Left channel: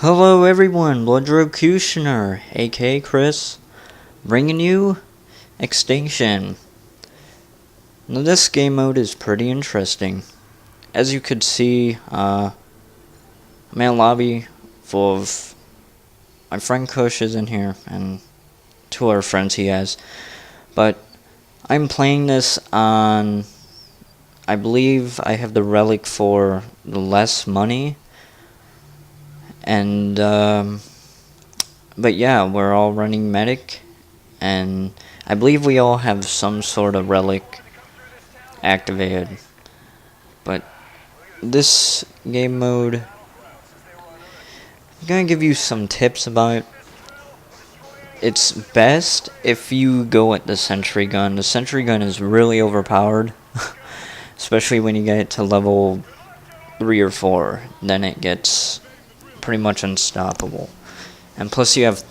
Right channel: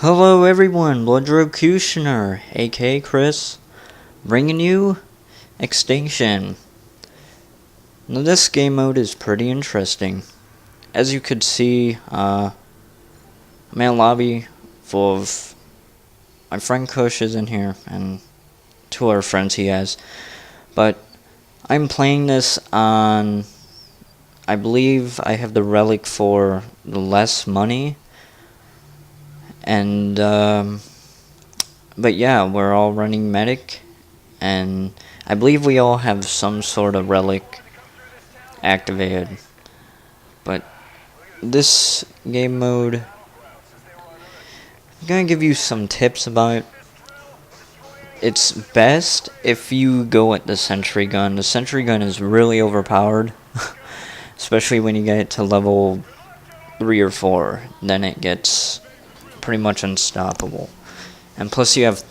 Hello everyone, Bloodrocutioner, aka Chris, bringing you Extinction. Now this game mode is pretty interesting. As you could see, I'm in a lobby full of my friend Kush is in here, and two other friends he has. But I'm playing this on, I believe I have the relic for the less money. And, but yeah, we're all running medic, and I believe we all have some sort of relic activated. But this game mode, I'm gonna give you some tips about it. It's best if you go at the sentry gun. The sentry gun is really overpowered, especially when you get it to level 3 or 4. Then it gets pretty much unstoppable. And plus you have,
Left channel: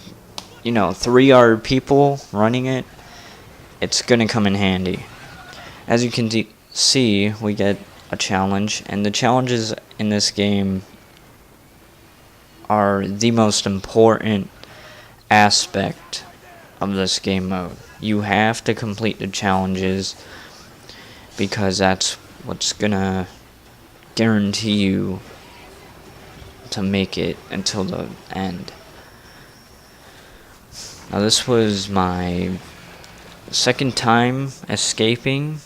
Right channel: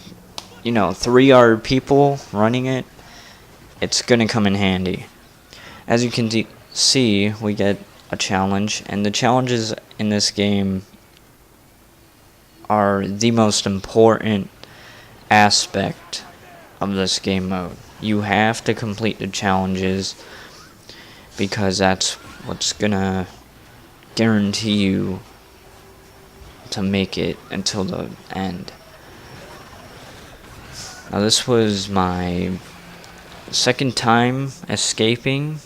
3 other people running it. It's gonna come in handy. As you can see, we get a challenge, and the challenges in this game are the most important aspect of this game mode. You have to complete the challenges because that's what's gonna guarantee you to make it until the end. Now this was my second time escaping.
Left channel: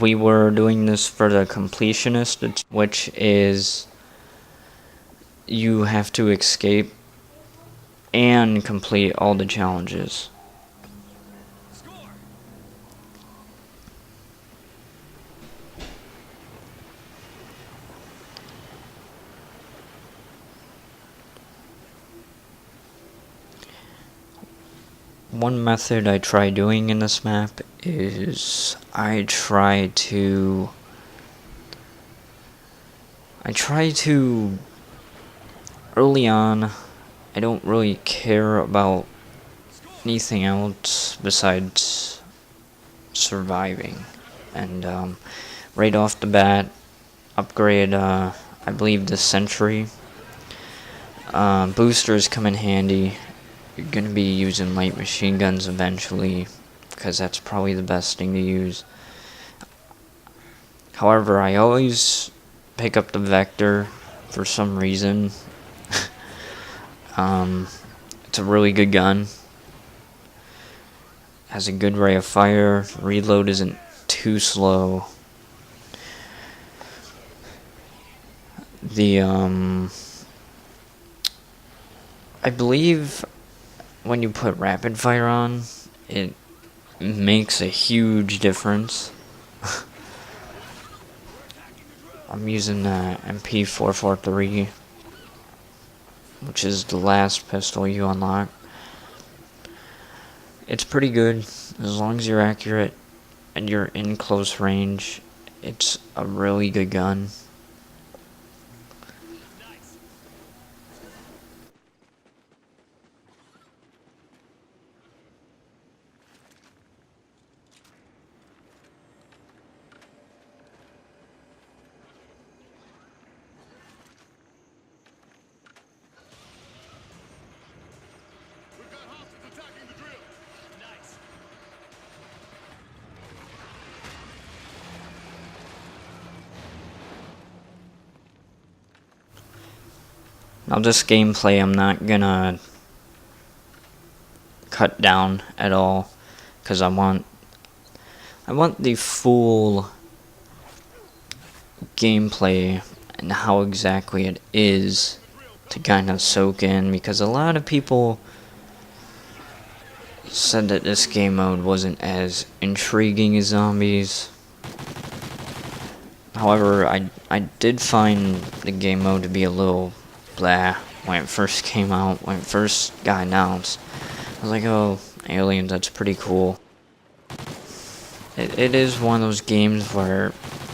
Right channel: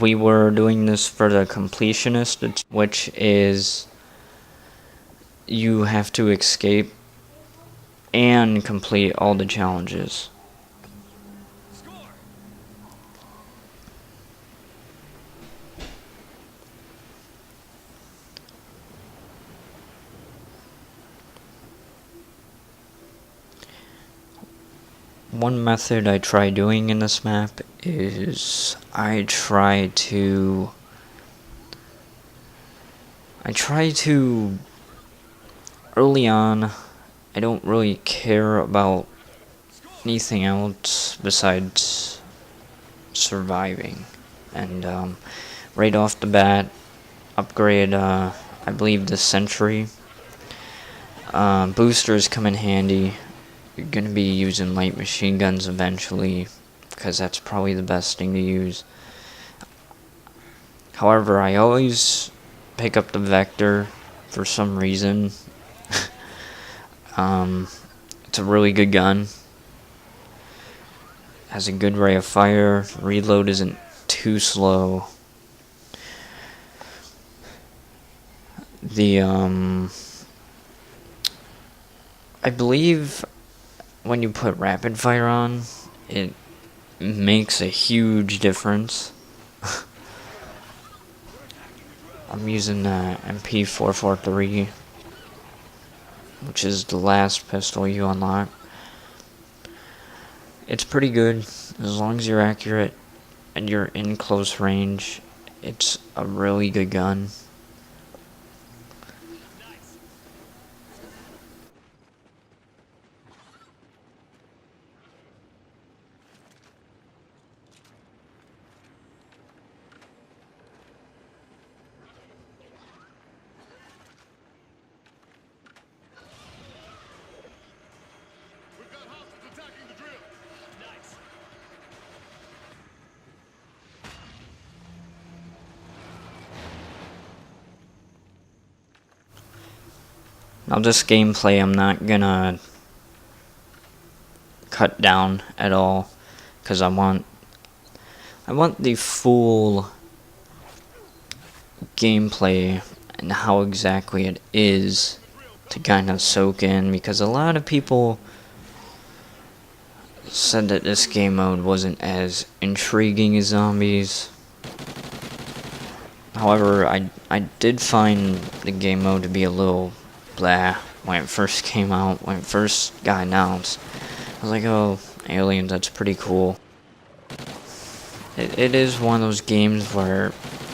We were doing this for the completionist, which is you have to escape and complete all the challenges. One method I try doing in this map is I try to early on, I don't really care about anything else besides surviving, and right off the bat upgrade I believe the sentry. Boosters come in handy. You're gonna be using light machine guns eventually, because that's probably the best thing to use. However, I always pick up the Vector for some reason. It's a really good gun. Has a good rate of fire. Reload isn't too slow. I believe when you put rapid fire on, it makes a huge difference. I'm using the MP443, which is the last pistol you unlock. It's pretty good as long as you're accurate and you're in close range. It's a really good gun. Attacking the drill. Nice. Now this gameplay I'm not gonna cut down at all, because I want the full gameplay and how exactly it is to kind of soak in, because a lot of people said that this game mode wasn't as intriguing as zombies. However, I did find the game mode to be a little blah when it first came out, when it first got announced. I was like, oh, aliens, that's pretty cool. It is one of those games where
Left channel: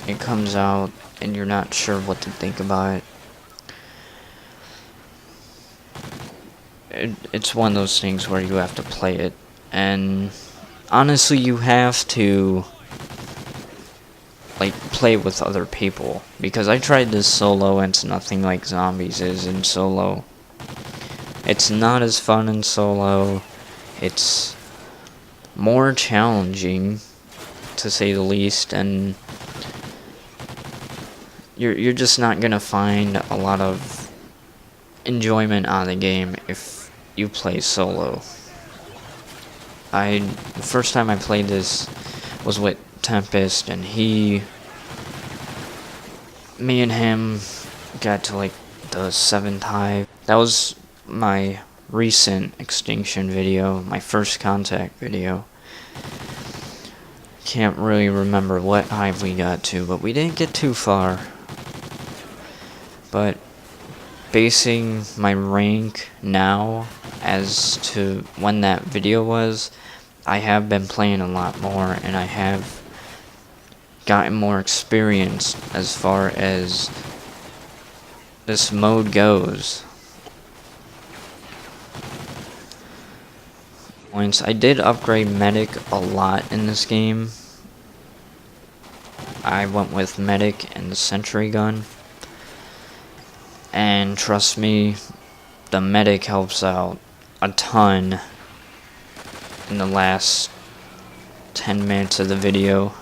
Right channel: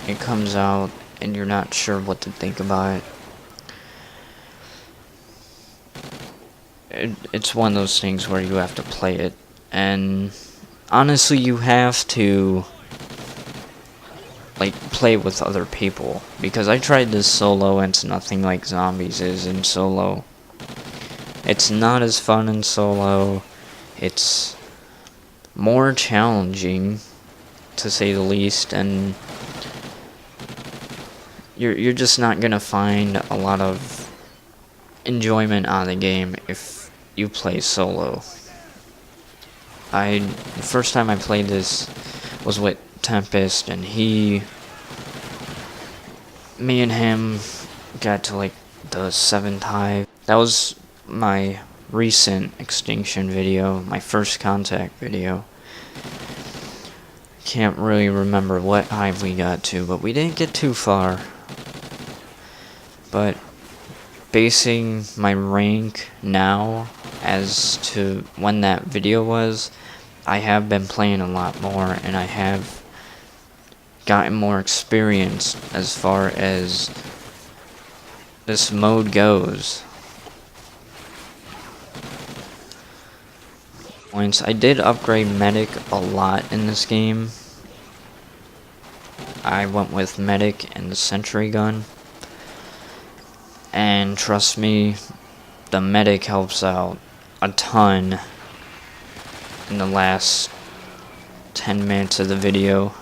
it comes out and you're not sure what to think about it. It's one of those things where you have to play it, and honestly you have to like play with other people, because I tried this solo and it's nothing like zombies is in solo. It's not as fun in solo. It's more challenging, to say the least, and you're just not gonna find a lot of enjoyment on the game if you play solo. The first time I played this was with Tempest, and me and him got to like the 7th hive. That was my recent extinction video, my first contact video. Can't really remember what hive we got to, but we didn't get too far. But basing my rank now as to when that video was, I have been playing a lot more, and I have gotten more experience as far as this mode goes. Once I did upgrade medic a lot in this game. I went with medic and the sentry gun, and trust me, the medic helps out a ton in the last 10 minutes of the video.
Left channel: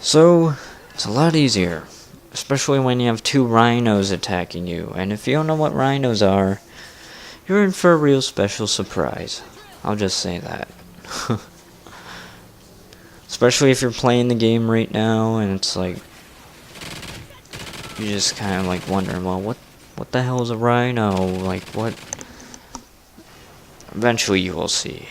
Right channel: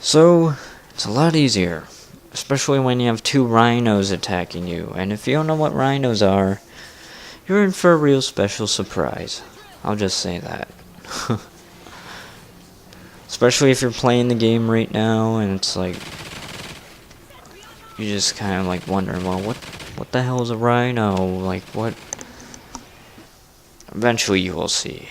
So it's a lot easier, especially when you have 2 rhinos attacking you, and if you don't know what rhinos are, you're in for a real special surprise. I'll just say that. Especially if you're playing the game right now and it's like, you're just kind of like wondering, well, what the hell is a rhino? Like, what? Eventually you will see.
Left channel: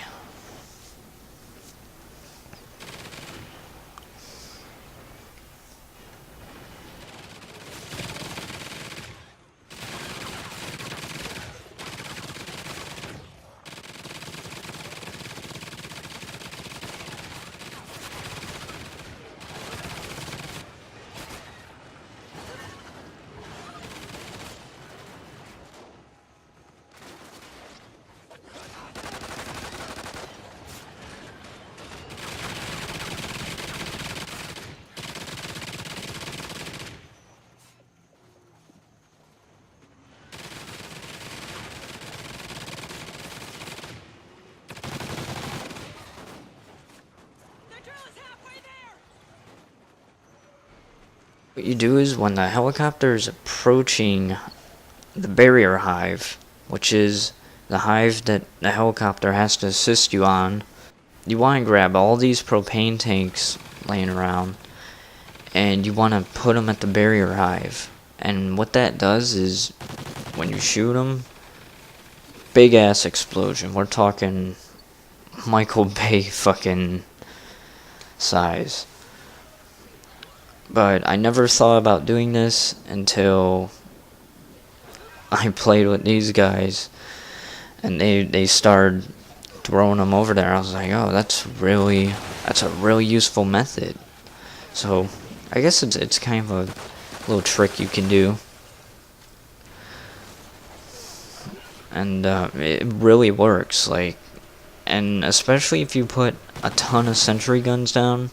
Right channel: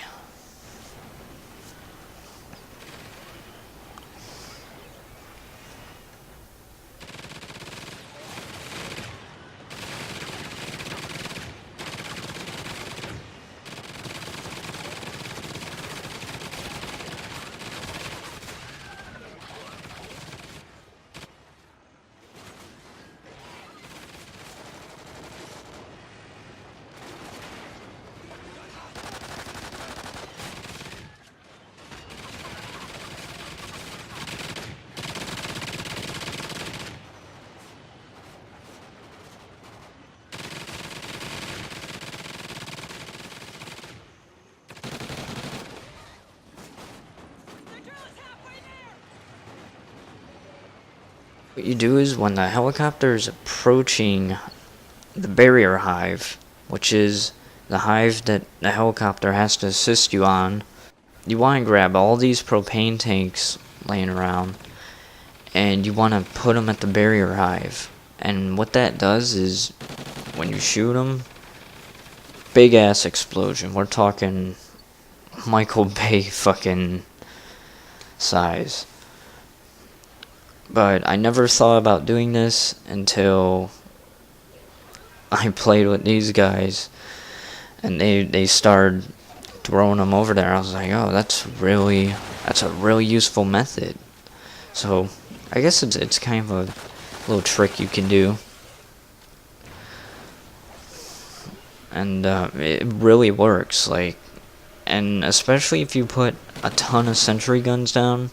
What you do is when the helicopter is approaching the barrier hive, which is the hive that the helicopter has to assist you on, you want to grab all these propane tanks laying around, and you want to put them at the barrier hive. And what that does is, when you shoot them, big ass explosion. We're talking Michael Bay fucking size. But I never thought about doing this until I played with these guys, and they started throwing them over there. I was like, oh, that's a really useful method. So I guess it's kind of a little trick you can do, and it really works. Like, and especially if you put a ton of sentry guns down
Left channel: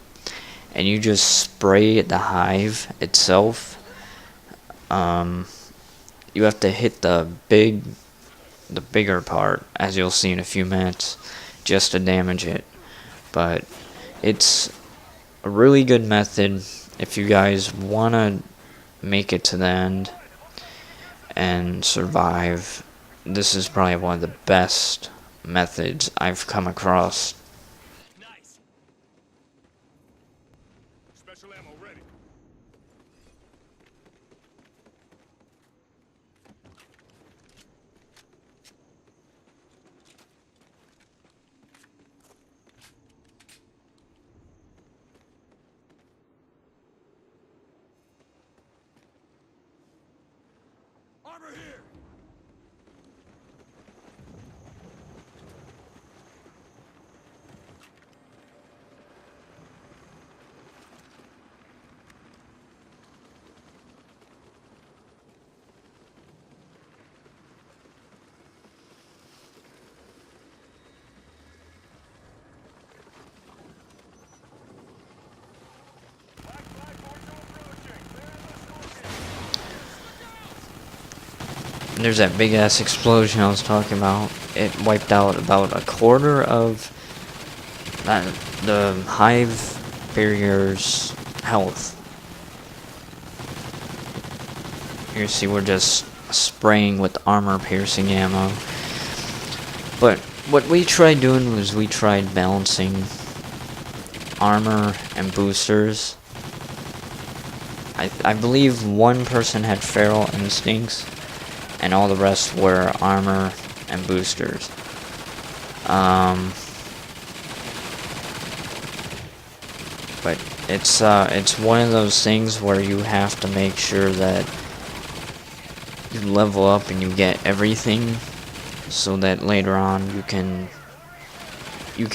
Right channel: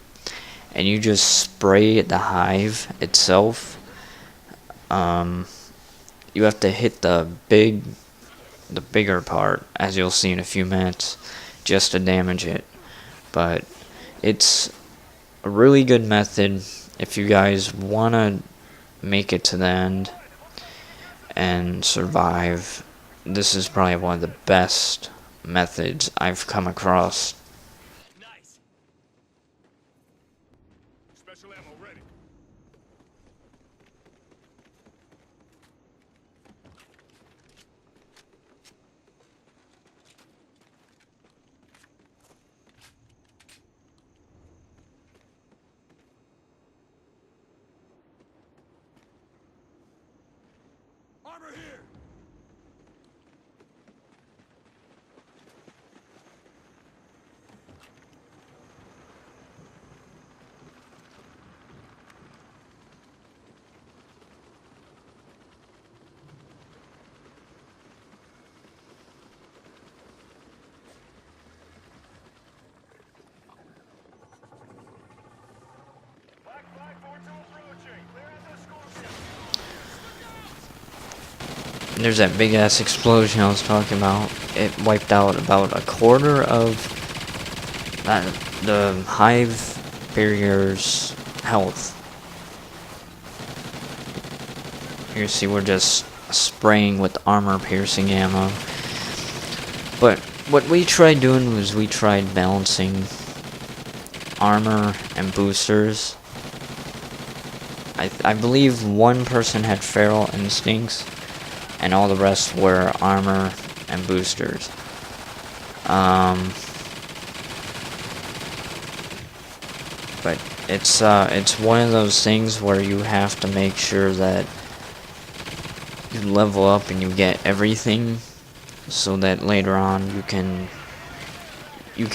and you just spray the hive itself. You have to hit the bigger part, as you'll see in a few minutes, just to damage it. But it's a really good method if you guys want to make it to the end and survive. This is probably one of the best methods I've come across. Nice. Special ammo ready. Armor here. there's that big ass explosion I was talking about. It wiped out about a quarter of the hive barrier's health. You see we're just spraying with armor piercing ammo. But what we tried doing was we tried balancing armor and boosters. I believe one person had feral instincts and all the rest were armor and boosters. But it's one of those things where you have to make sure that you level up and you get everything so that later on you can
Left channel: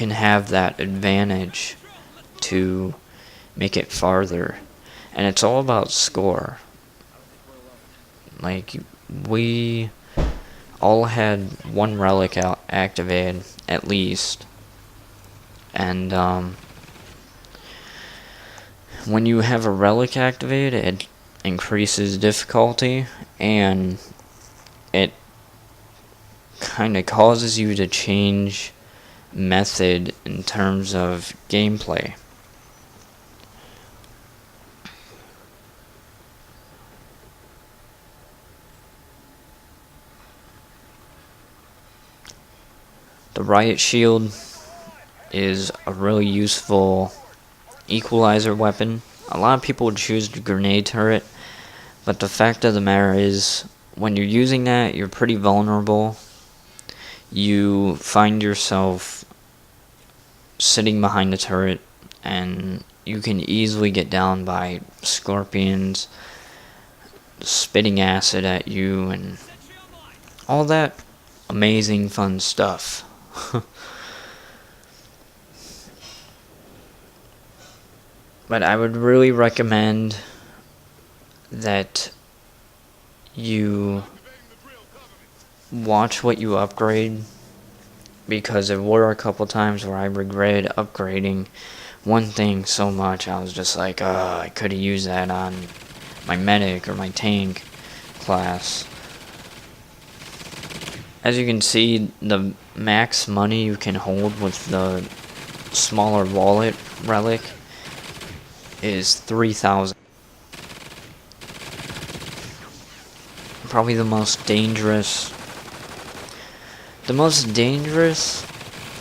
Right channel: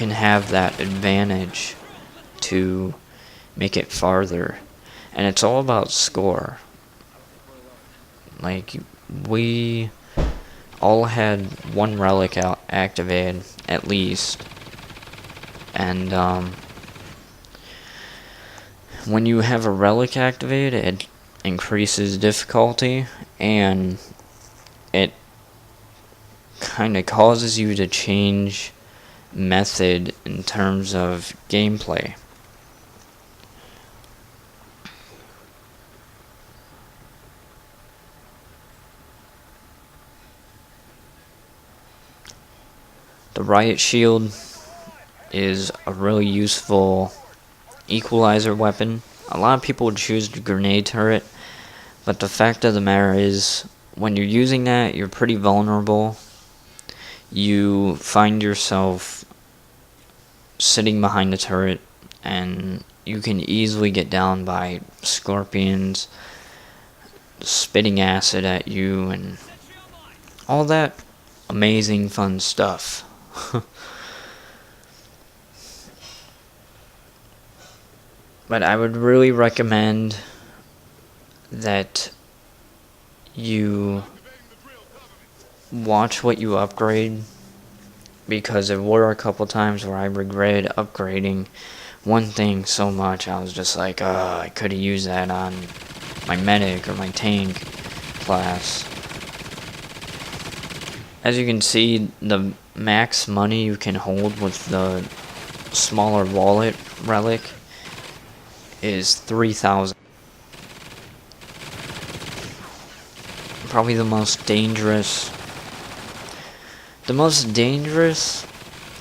have that advantage to make it farther. And it's all about score. Like, we all had one relic activated at least, and when you have a relic activated, it increases difficulty, and it kind of causes you to change method in terms of gameplay. The riot shield is a really useful equalizer weapon. A lot of people would choose the grenade turret, but the fact of the matter is, when you're using that, you're pretty vulnerable. You find yourself sitting behind the turret, and you can easily get down by scorpions spitting acid at you, and all that amazing fun stuff. But I would really recommend that you watch what you upgrade, because there were a couple times where I regretted upgrading one thing so much. I was just like, I could have used that on my medic or my tank class. As you can see, the max money you can hold with the smaller wallet relic is 3,000. Probably the most dangerous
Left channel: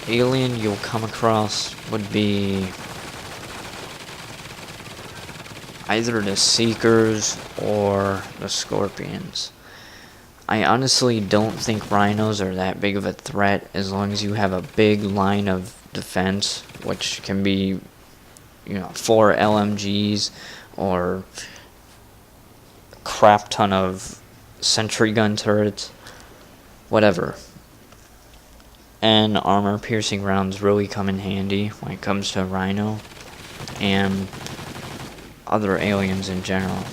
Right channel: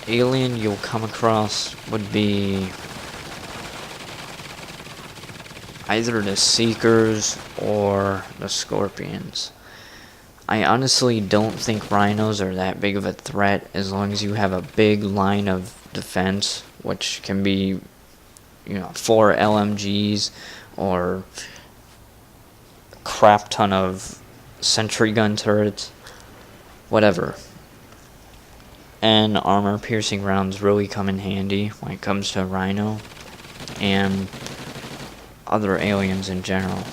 alien you'll come across would be either the Seekers or the Scorpions. I honestly don't think rhinos are that big of a threat as long as you have a big line of defense, which can be, 4 LMGs or a crap ton of sentry gun turrets, whatever. And armor piercing rounds really come in handy when it comes to rhino and other aliens in general.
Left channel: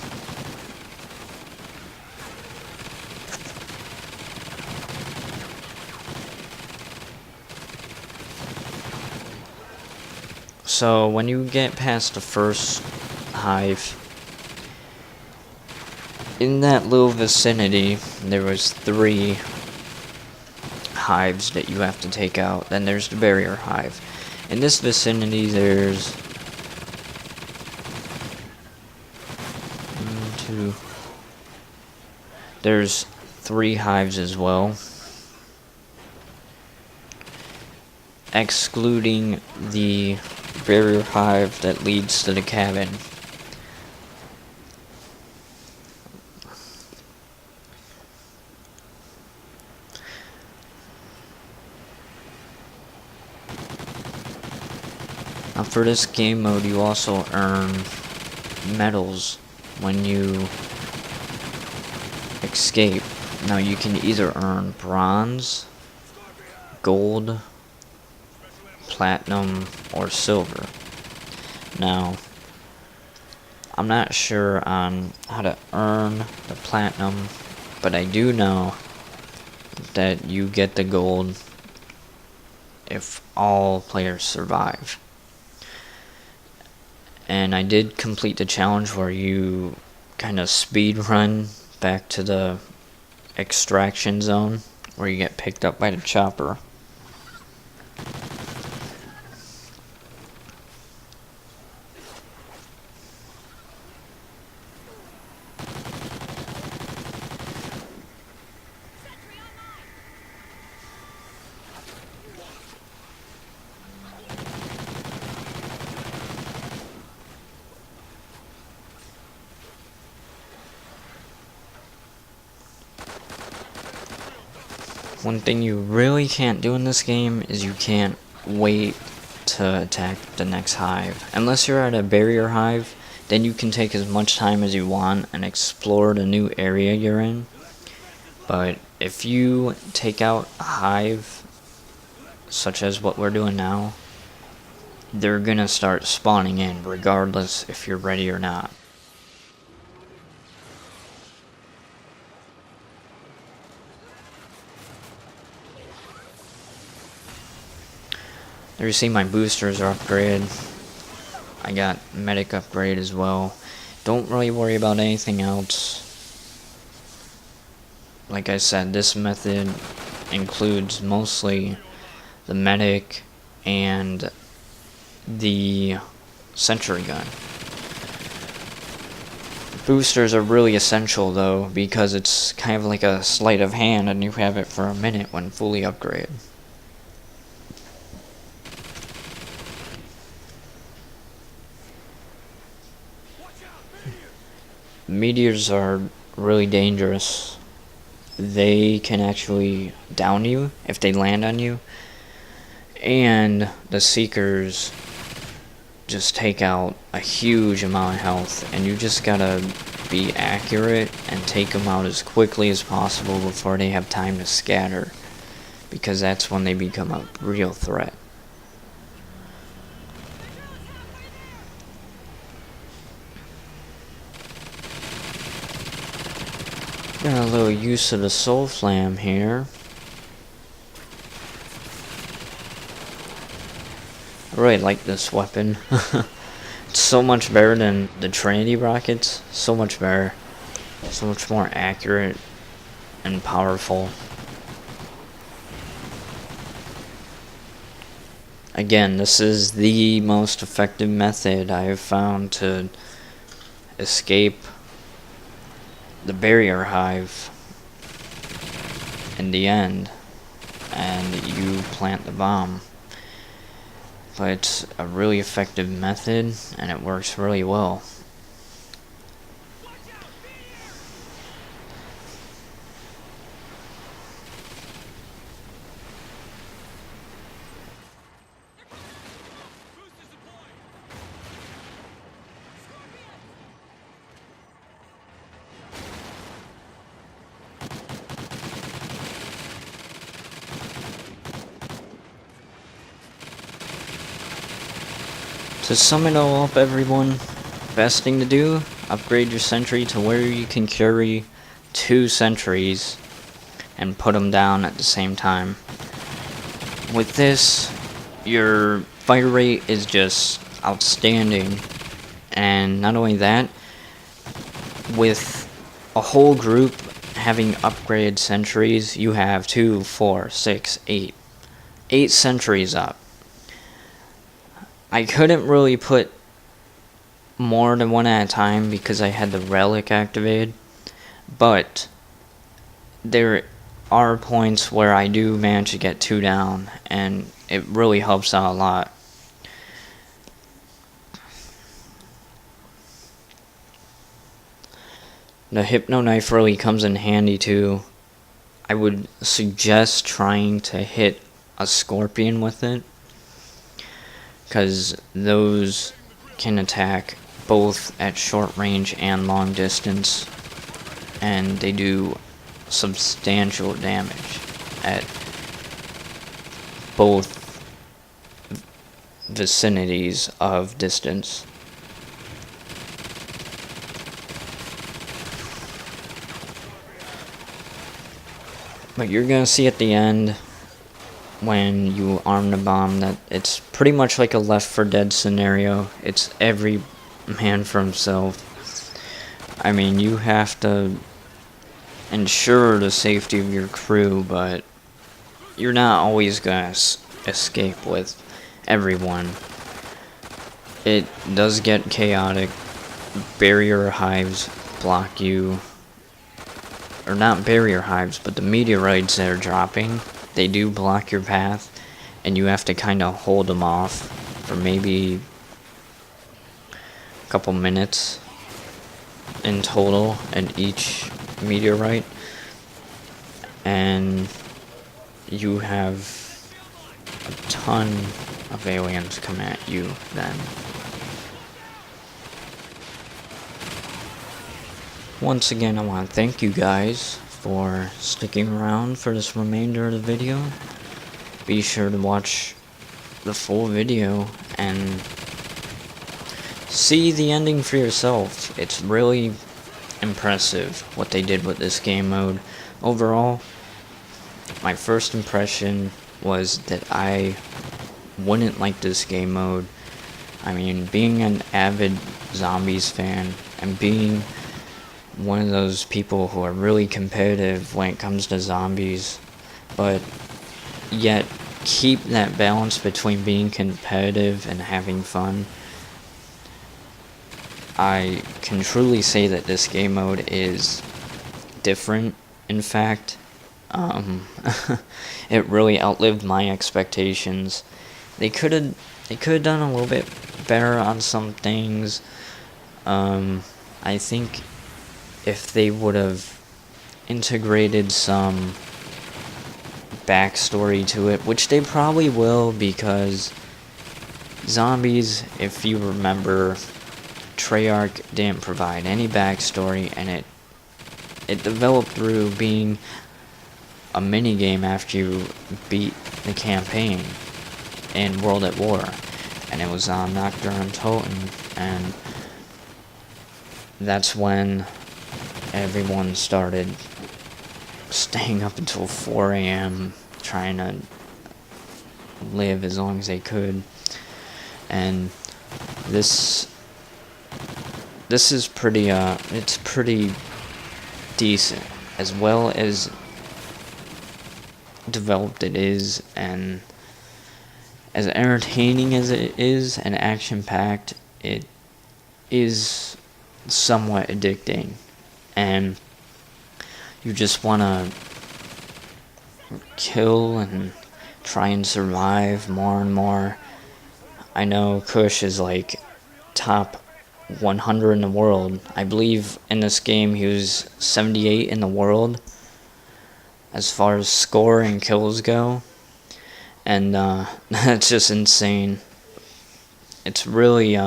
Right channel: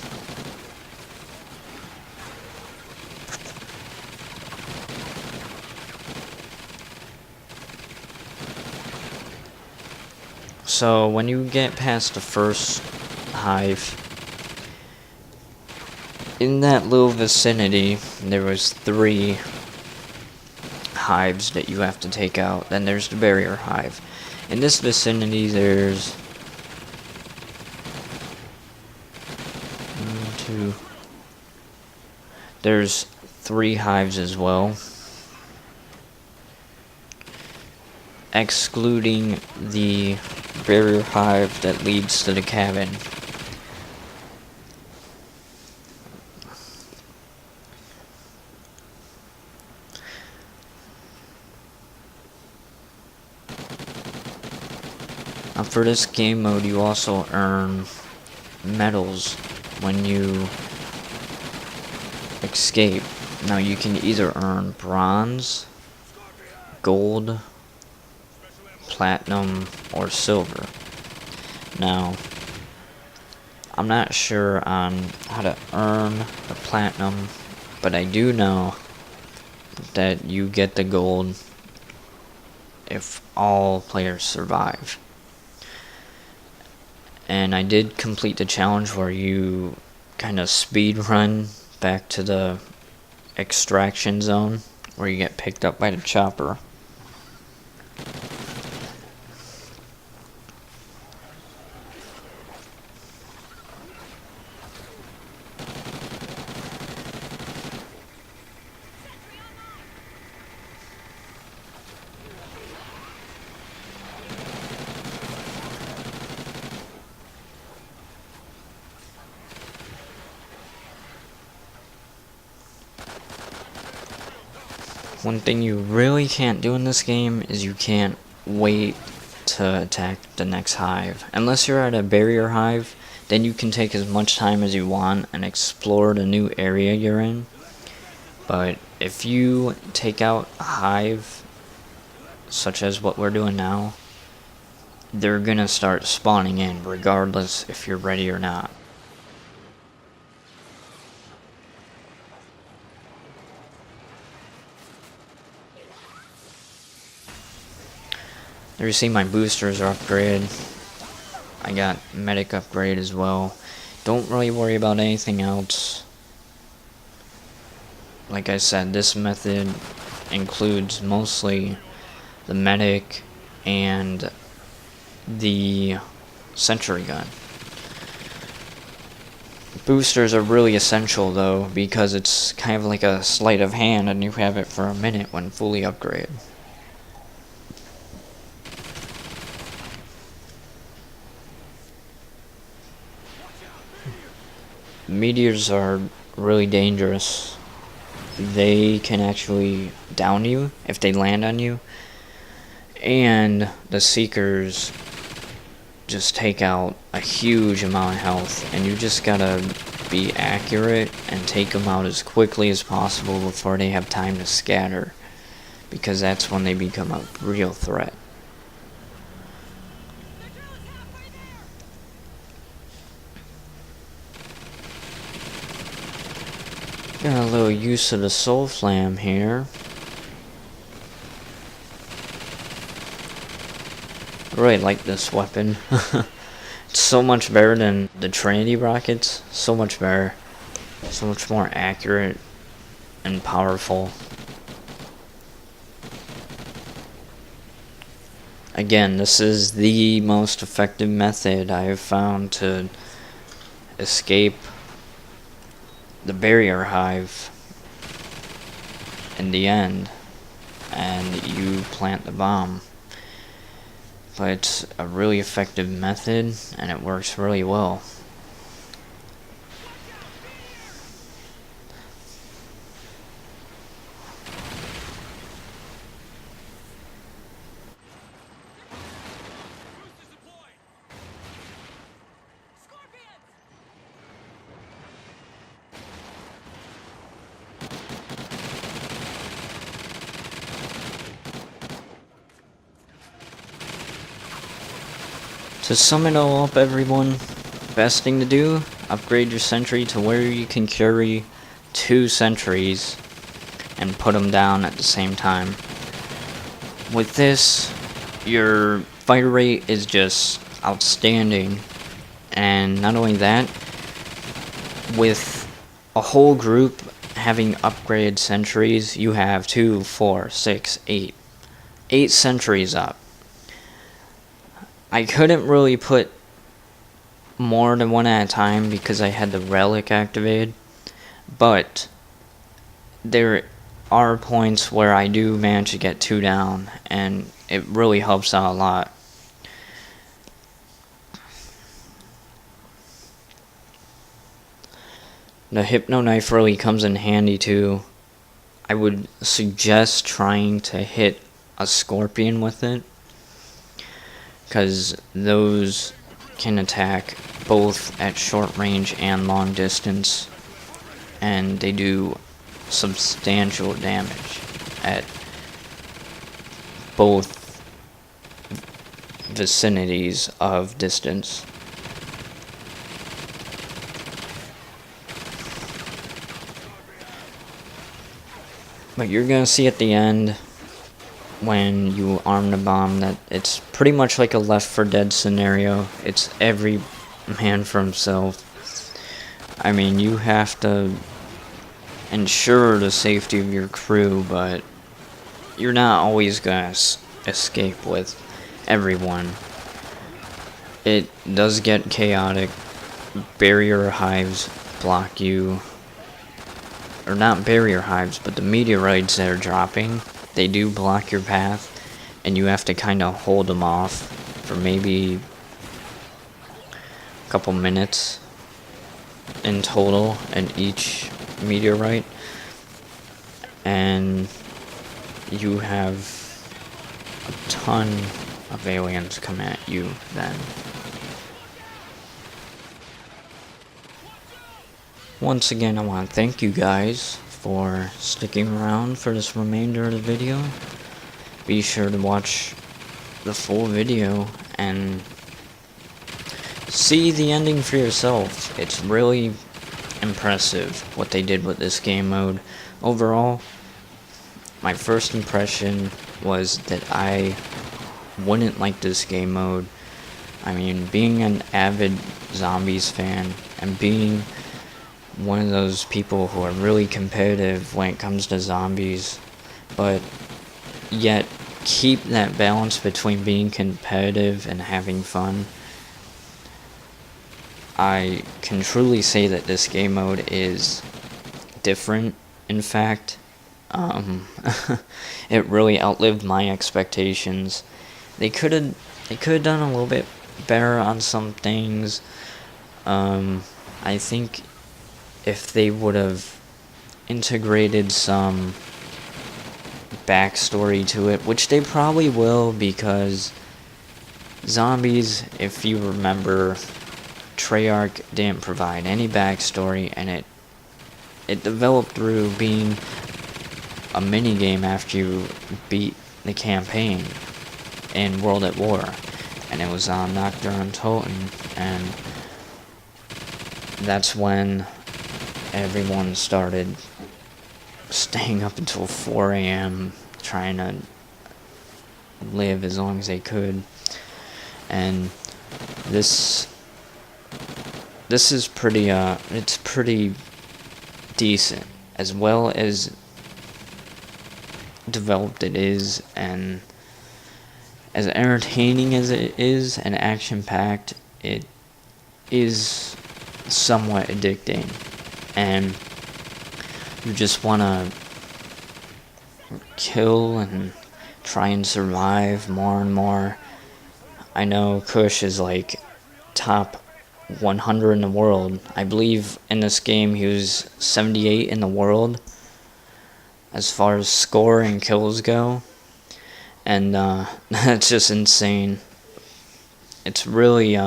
So when you get past the first hive, in that little vicinity, there was 3 hives that you have to take out. Then there's the barrier hive. In this vicinity, there's 3 hives as well, excluding the barrier hive that leads to the cabin. Now for this game mode, you also earn medals when you escape. Now you can either earn bronze, gold, platinum, or silver. Now, I'm not sure on how to earn the platinum, but I do know that you get the gold if all players survive. And I did complete the challenge where you kind of speed run back to the extraction zone where you get picked up by the chopper. One thing you really can't do in this game is you can't wait to attack the next hive. Unless you're at a barrier hive, then you can take as much time as you want and explore the new area you're in. But if you take out a hive, such as what we're doing now, they're gonna start spawning in regardless if you're ready or not. There you see my boosters are upgraded. I got medic upgrade as well. Don't really worry about anything else. Like I said, this method includes mostly the medic and the sentry gun. Boosters are really essential though, because it's kind of like a sleight of hand and you have it for a minute when fully upgraded. Meteors are really dangerous. They can actually down you if they land on you. And the Seekers just take out a huge amount of health. And you just gotta be accurate and take them out as quickly as possible before they have time to scatter. Because that's when they become a real threat. Got a little use of the soul flam here. I really like this weapon. It's so much better than the Trinity rockets. So much better. So much more accurate and powerful. Again, this is the most effective method I have found to escape the barrier hive in the end, and you plant the bomb. But it's a really effective method and it works really well. To sum it all up, everyone, best thing to do, upgrade your sentry to where you can carry 2 sentries and put them down at the same time. With this, your fire rate is just outstanding, and not only that, with a whole group having upgraded sentries, you have 2, 4, 6, 8 sentries up. I couldn't really put more than one at a time because I had the relic activated, but there are points where I do manage to get 2 down, and it really helps out a lot. The Hypno Knife really comes in handy too. I would suggest trying to hit a scorpion with it, because those can attack both at short range and long distance, and they do substantial damage at both vicinities of distance. But you're gonna see at the end, when you arm the bomb, that it's pretty much like a Left 4 Dead scenario. It's every man for himself. I mean, you have to ensure the safety of your crew, but you're not always gonna escape with everyone. It does get chaotic. Barrier hives block you, or not barrier hives, but the meteorites that are dropping, they do block your path, and you have to kind of hold them off for maybe a couple minutes in total at each meteorite, and you have a ton of aliens come at you then. Once again, I want to thank you guys for sticking around for this remainder of the video. Be sure to watch the full video and see the ending for yourself. It's really impressive what they did with this game mode. Overall, my first impression was that I wouldn't like this game mode. I mean, being an avid zombies fan and being one of those people who are really competitive when it comes to zombies, but yet keep that balance between being competitive and having fun, I can truly say that this game mode is different. In fact, it really outlived my expectations. They could have done a little bit better on some things. I think if they would have integrated some backstory to it, which they probably will, because zombies, if you remember, Treyarch didn't provide any backstory, and it developed through being a minigame after you beat the campaign in World at War, and it was on Nocturne Toten, and that's when everyone started staying up until 4 a.m. trying to live as long as they could. And this is pretty it's pretty decent, as well as developed it is, and as entertaining as it is and action packed, it is somewhat addicting, and you just want to kill and try and survive more and more. I know Kush is like top 100 in the world. I believe in this game he was 78 in the world as far as score and kills go, and that's just insane. It's really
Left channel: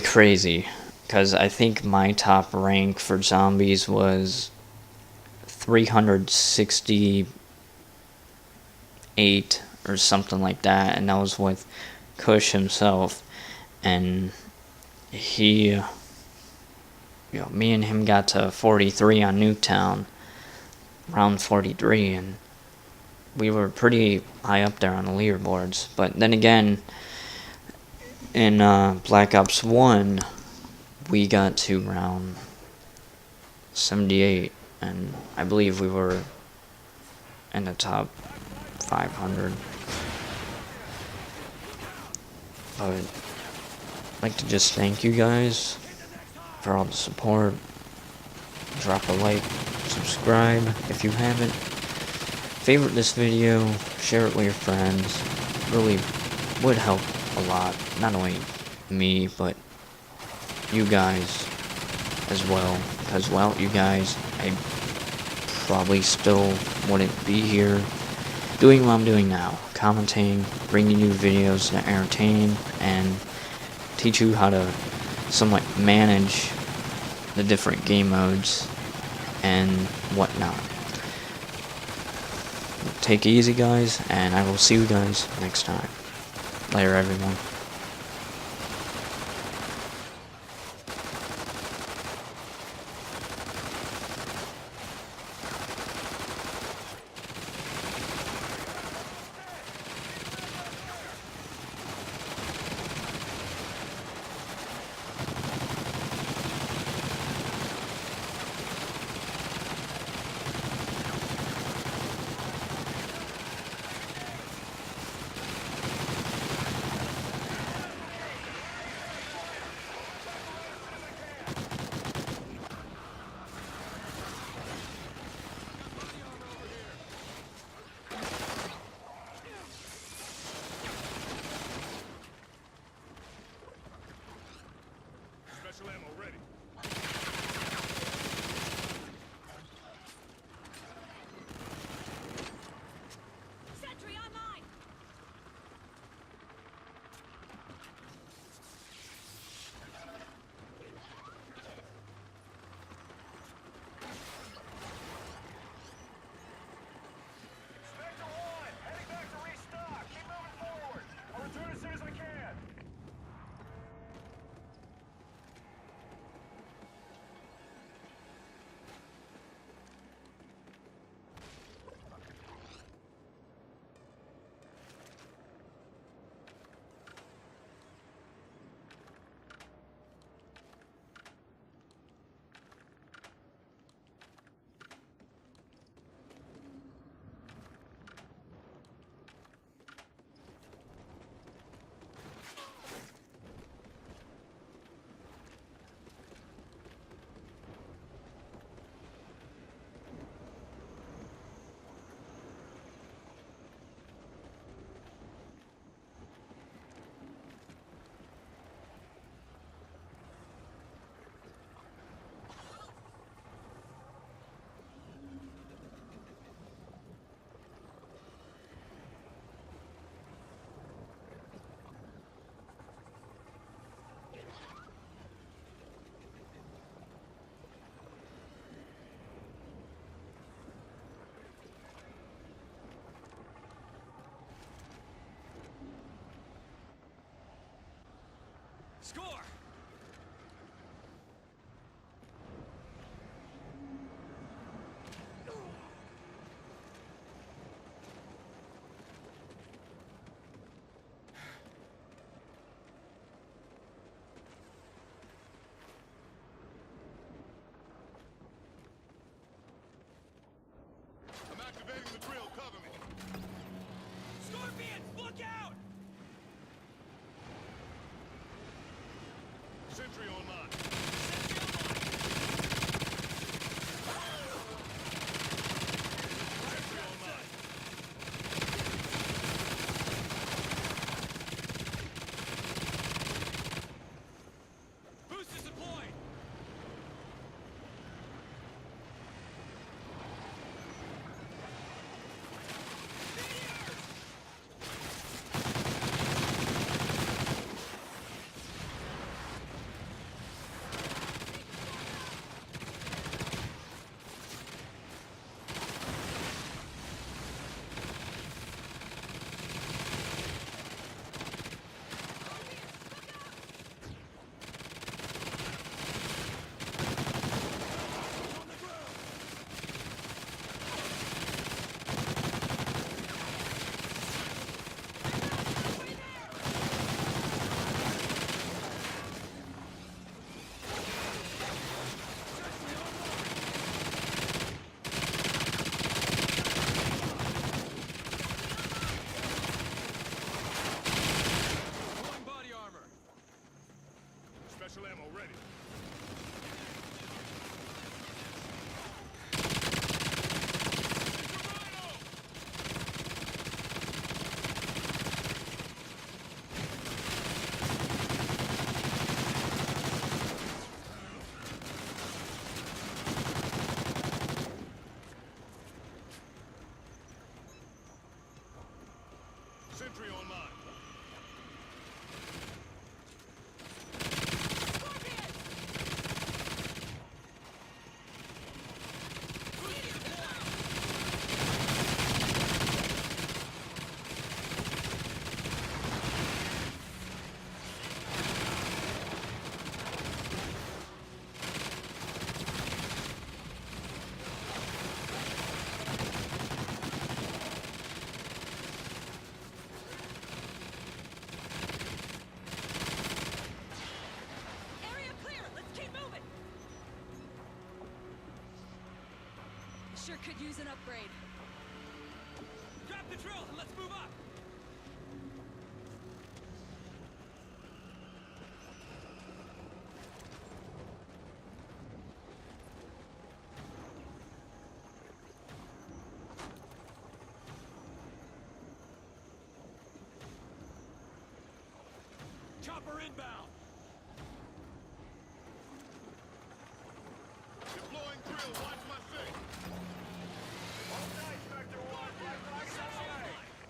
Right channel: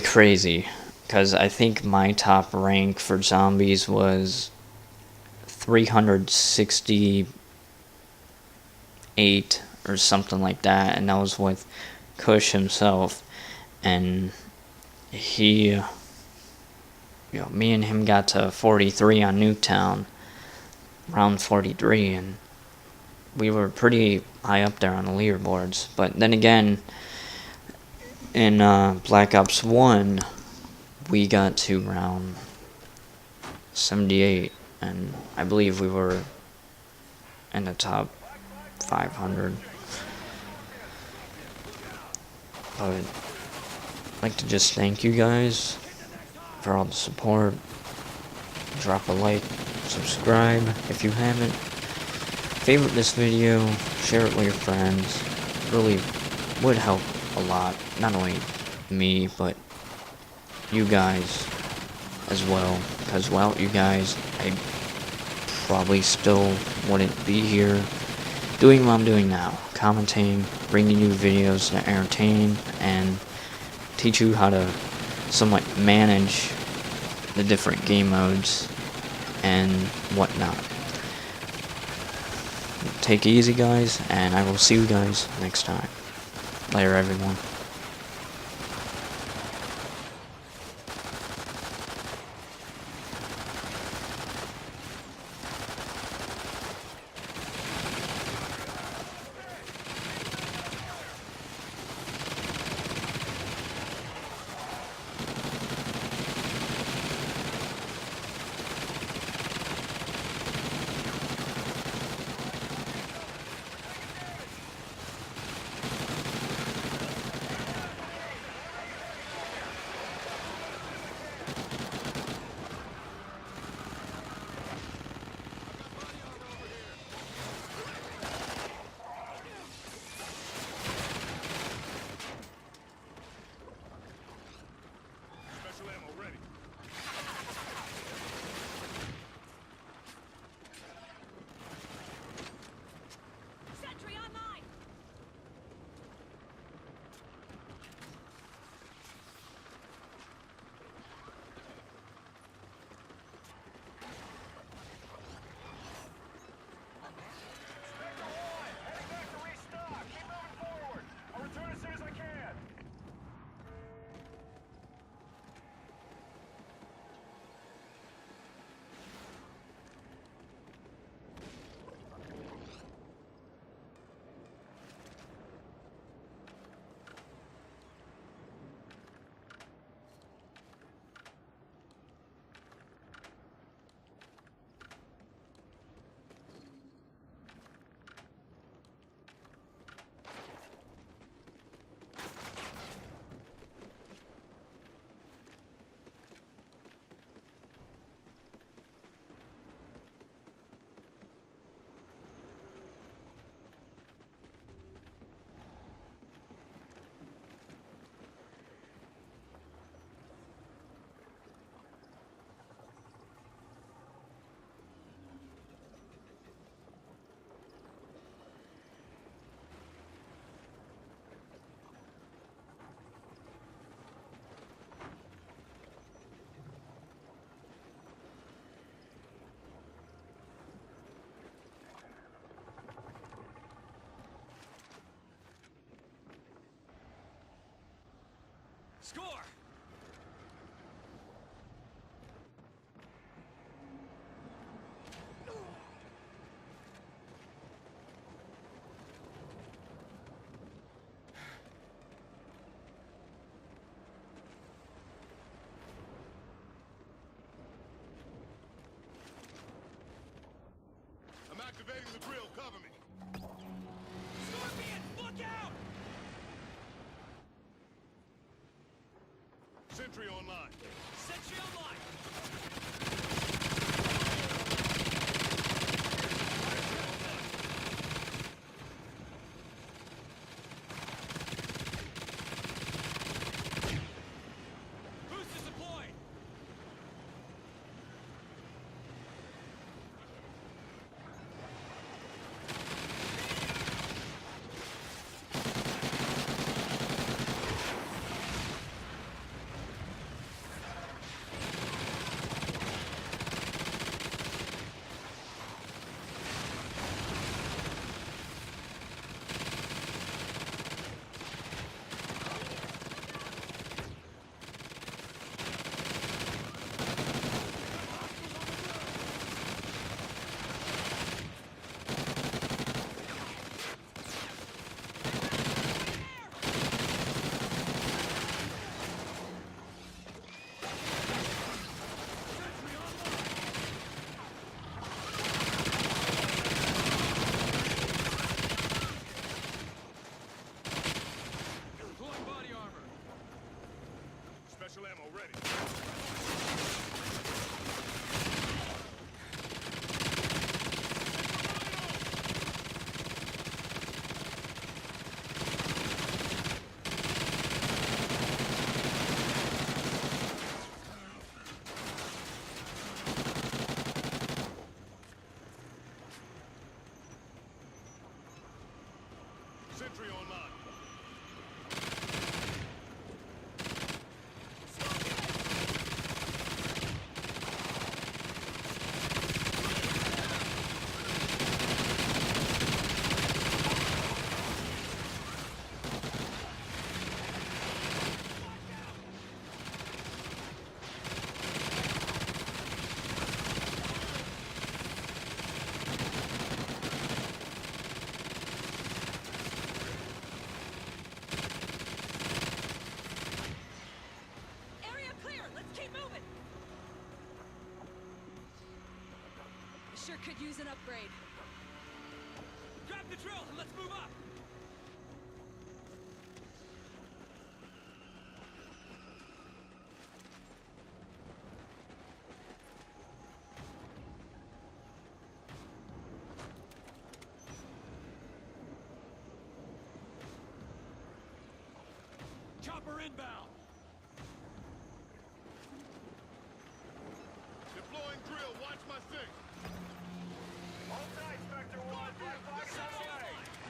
crazy, because I think my top rank for zombies was 368 or something like that, and that was with Kush himself, and he, me and him got to 43 on Nuketown, round 43, and we were pretty high up there on the leaderboards. But then again, in Black Ops 1, we got to round 78, and I believe we were in the top 500. But I'd like to just thank you guys for all the support. Drop a like, subscribe if you haven't, favorite this video, share it with your friends. Really would help a lot, not only me, but you guys as well, because without you guys, I probably still wouldn't be here doing what I'm doing now, commenting, bringing you videos to entertain and teach you how to somewhat manage the different game modes and whatnot. Take it easy, guys, and I will see you guys next time. Later, everyone. Score! I'm activating the drill. Cover me. Scorpions, look out! Sentry online. Sentry online! Sentry online. Boost is deployed! Meteors! Scorpions, look out! On the ground. Right there! Sentry online. Deploying body armor. Special ammo ready. It's a rhino. Sentry online. Area clear! Let's keep moving! Sure could use an upgrade. Grab the drill and let's move up! Chopper inbound! Deploying drill. Watch my six. Hold tight, Spectre 1. Black flag is Sentry on the way. online!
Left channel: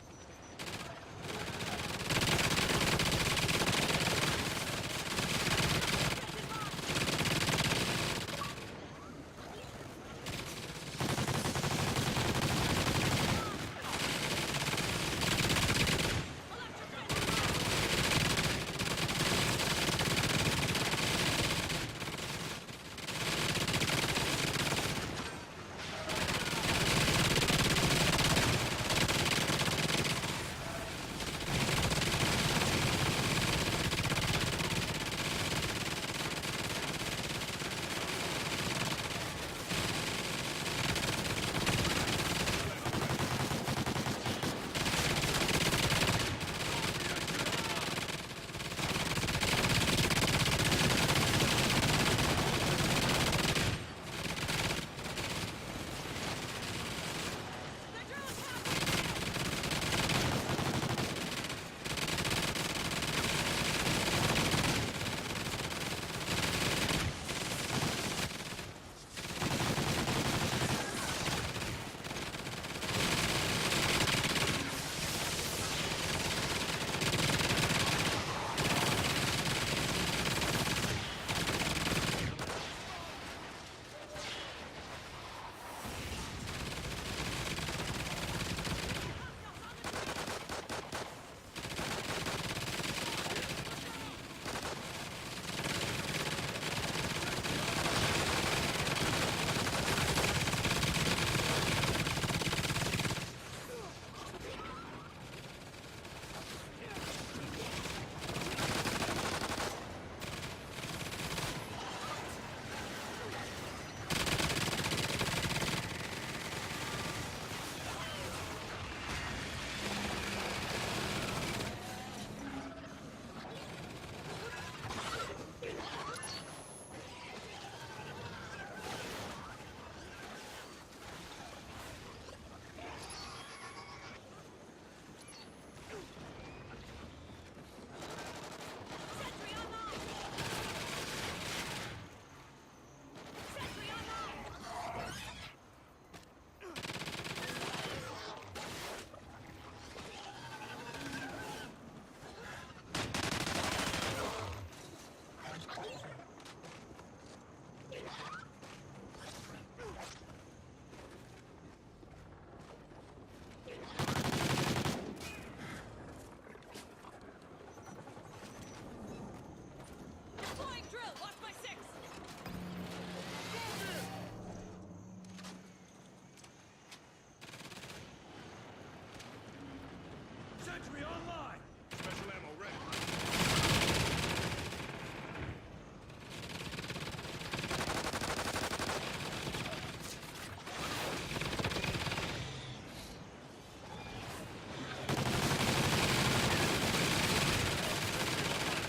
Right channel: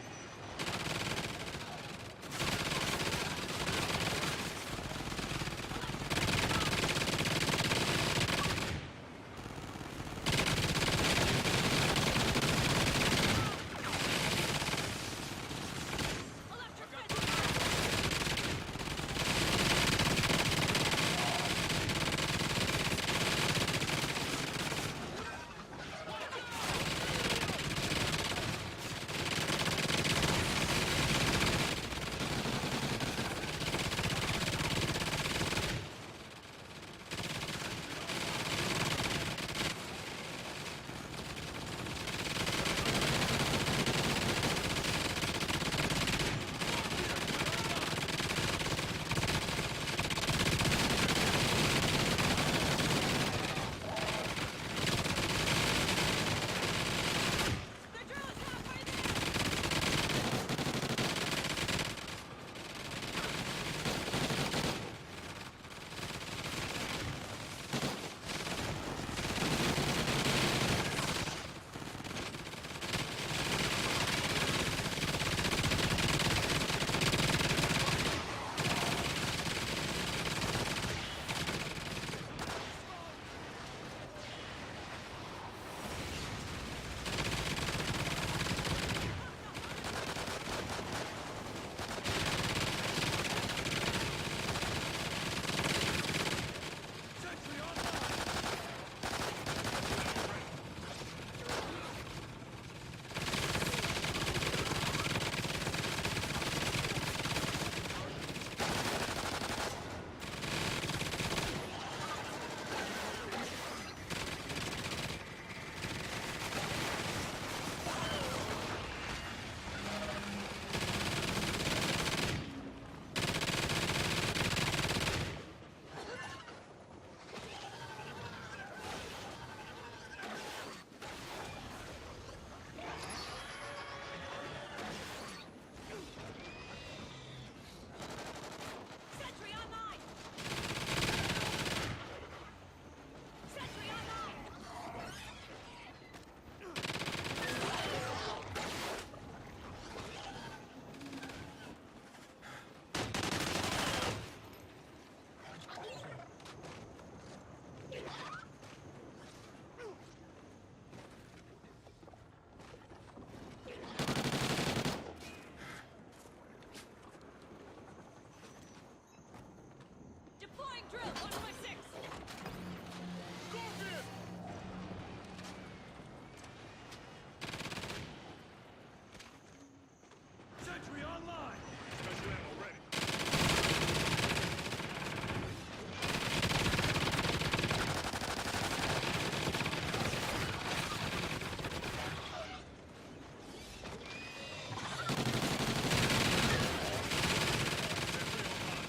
Electric Got fence! Watch my six! Scorpion! Sentry online! Special ammo ready. Sentry online.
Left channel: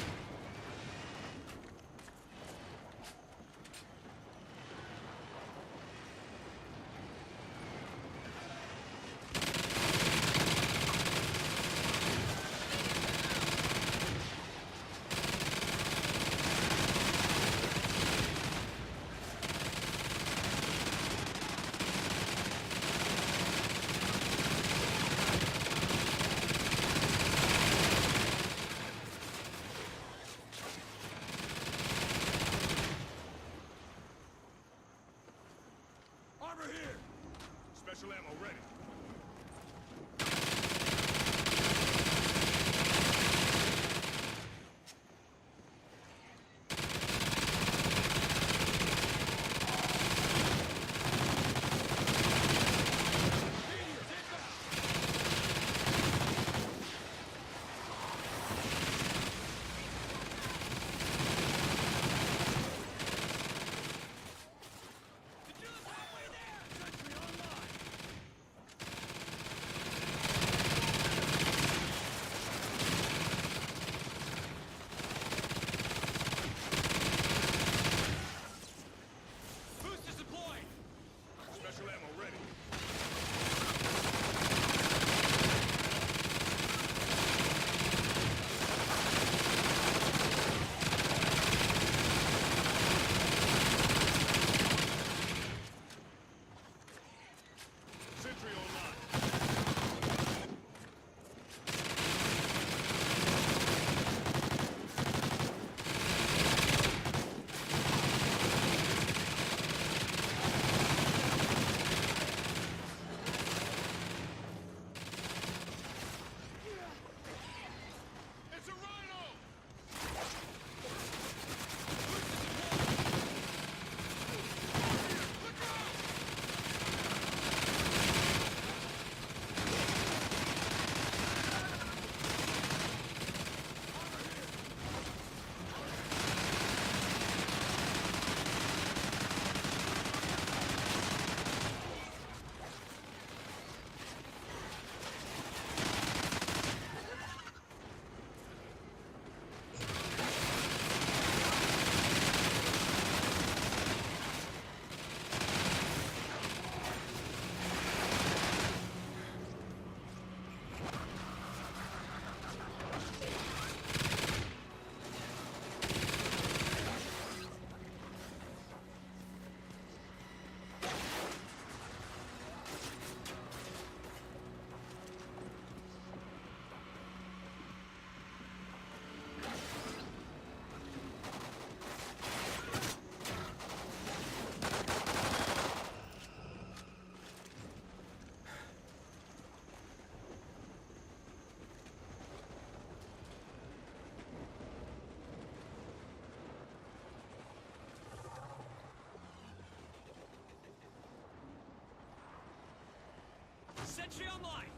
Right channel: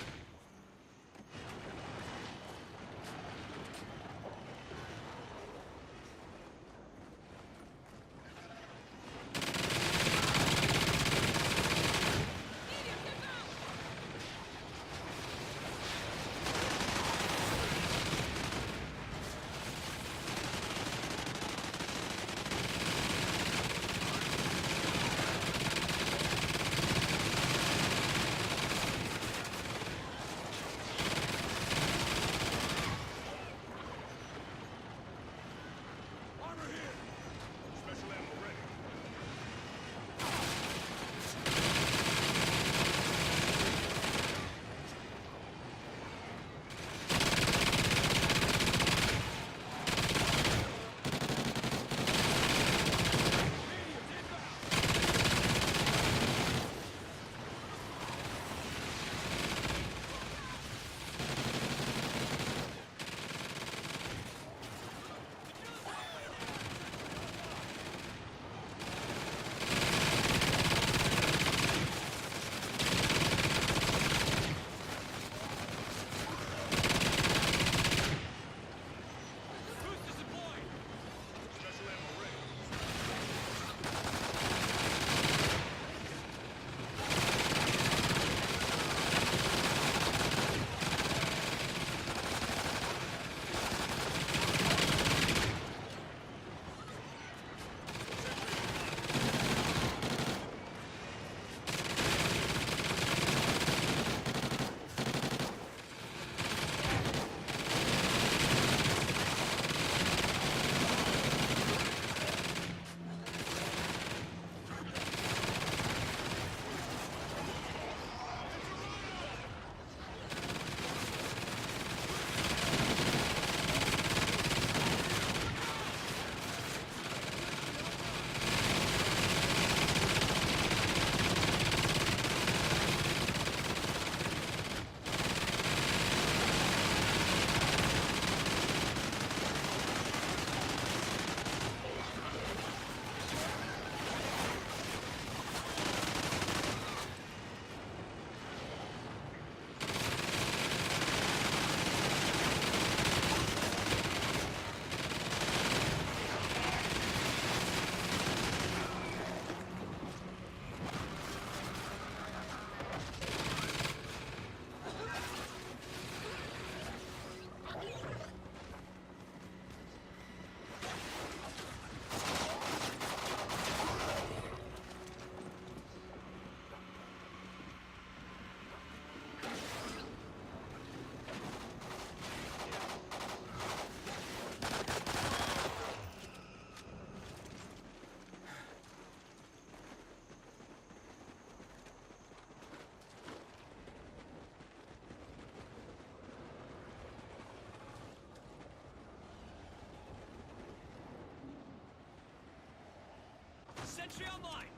Armor here! Special ammo ready. Meteors inbound! The drill is halfway there! Sentry online! Boosters deployed! Special ammo ready. Sentry online. It's a rhino! Sentry online!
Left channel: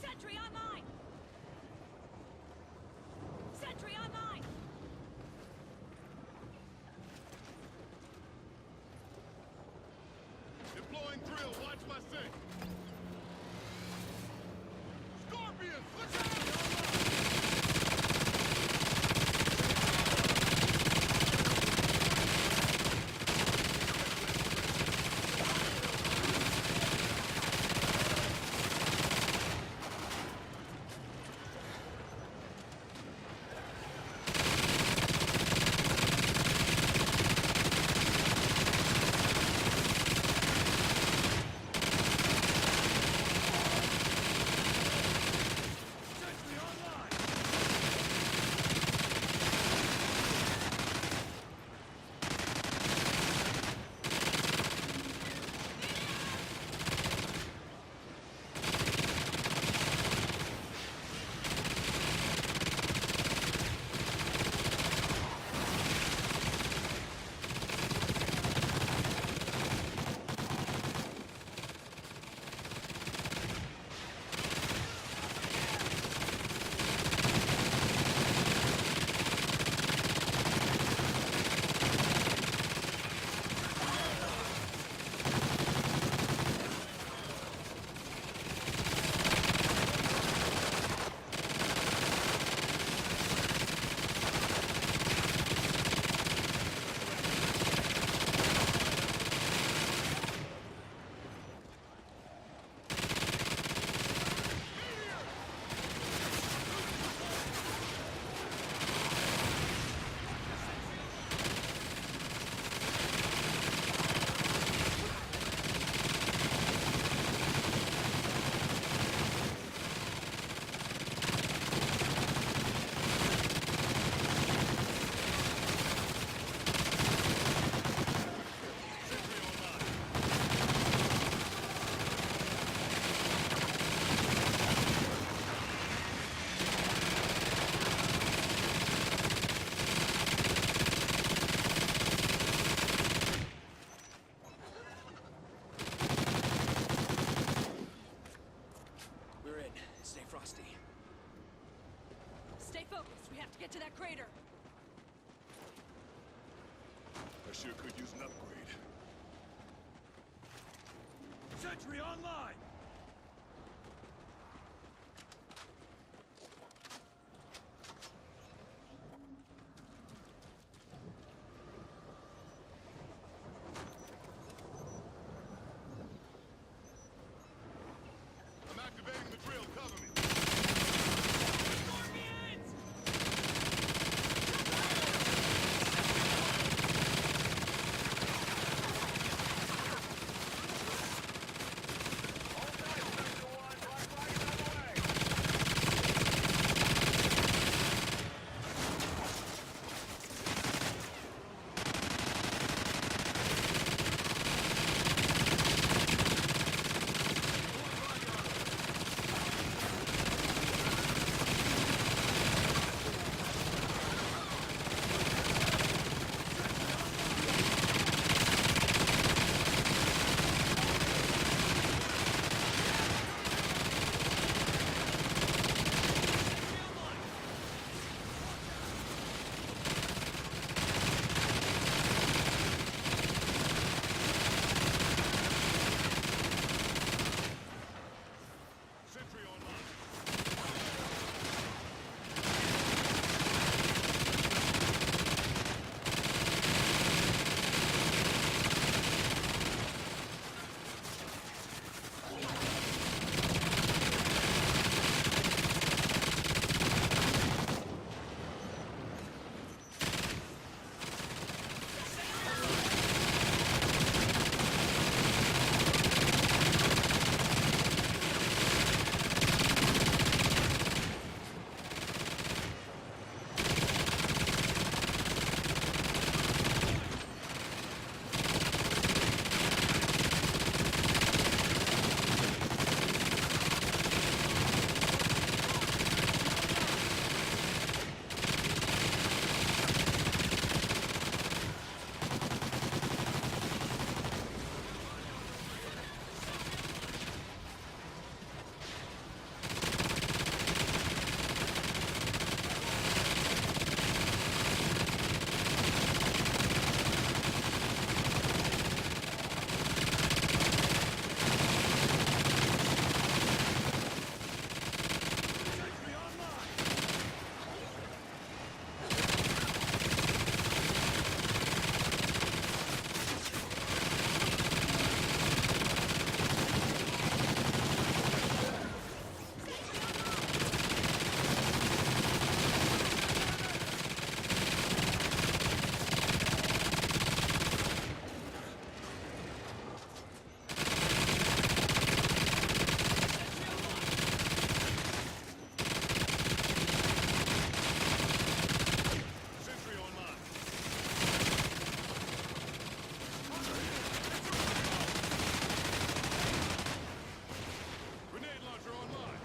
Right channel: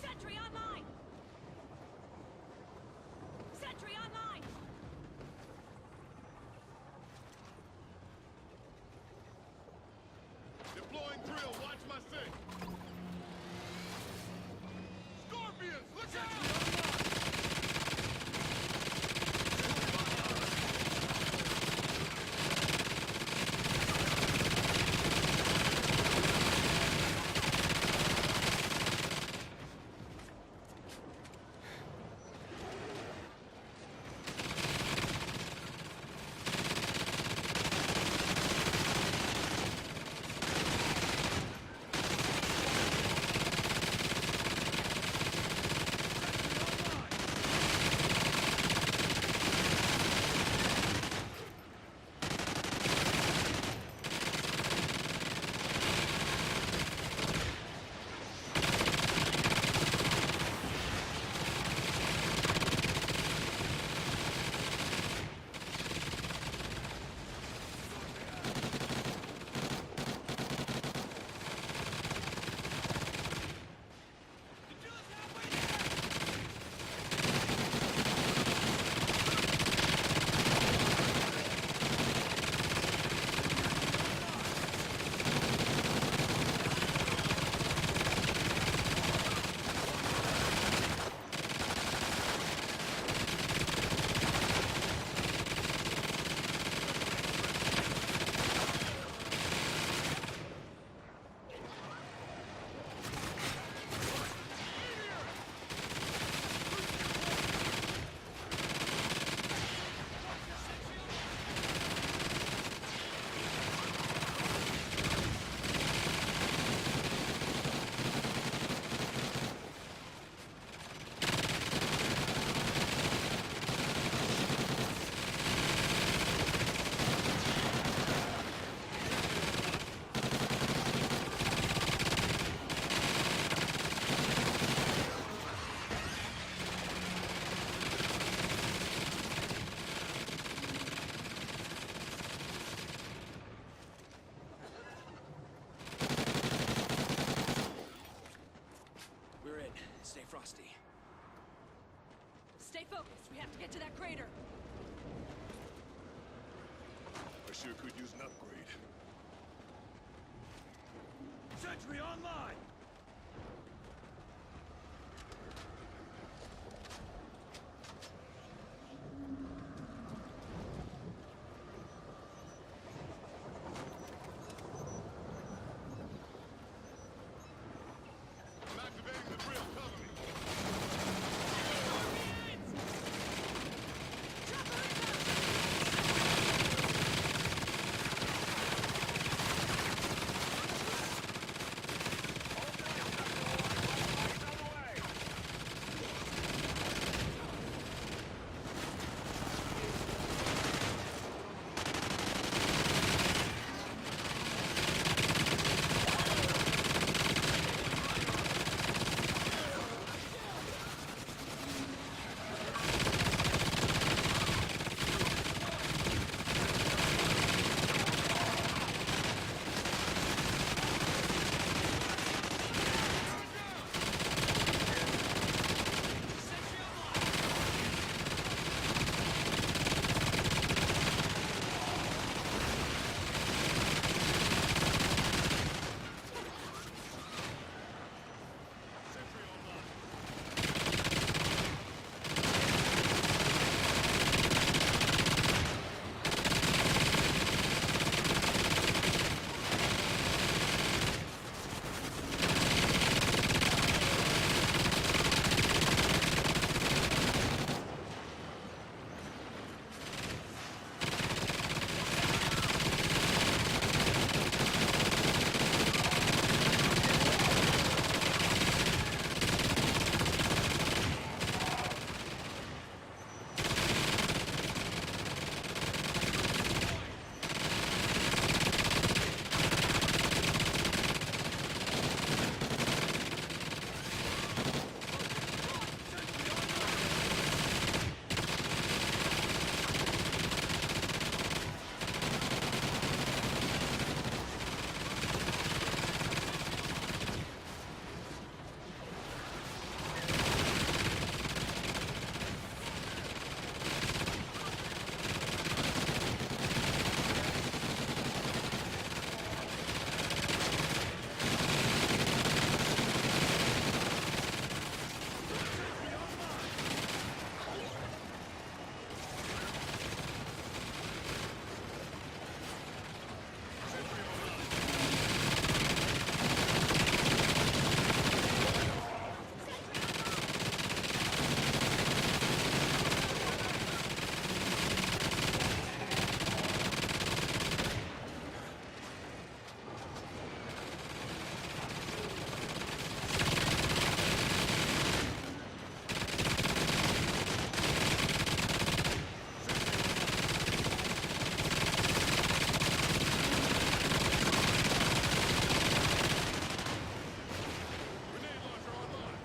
Sentry online! Sentry online! Deploying drill, watch my six. Scorpions, look out! Sentry online! focus. We have to get to that crater. I sure could use an upgrade. Sentry online! I'm activating the drill. Cover me. Scorpions! Chopper inbound! Sentry online. Sentry online! Hold tight, Spectre 1. Black flag's on the way. Deploying body armor! Sentry online! Sentry online. Sentry online! Sentry online! Sentry online. Grenade launcher online.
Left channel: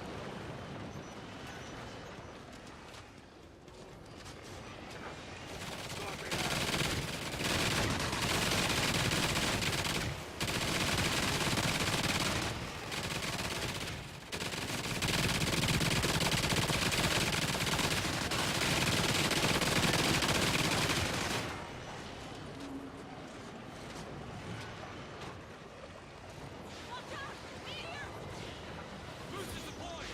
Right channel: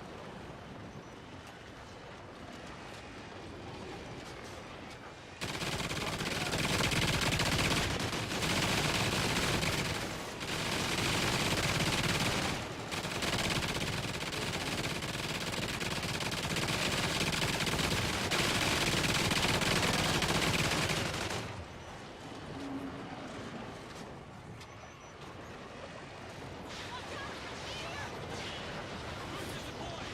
Watch out! Meteor! Boosters deployed!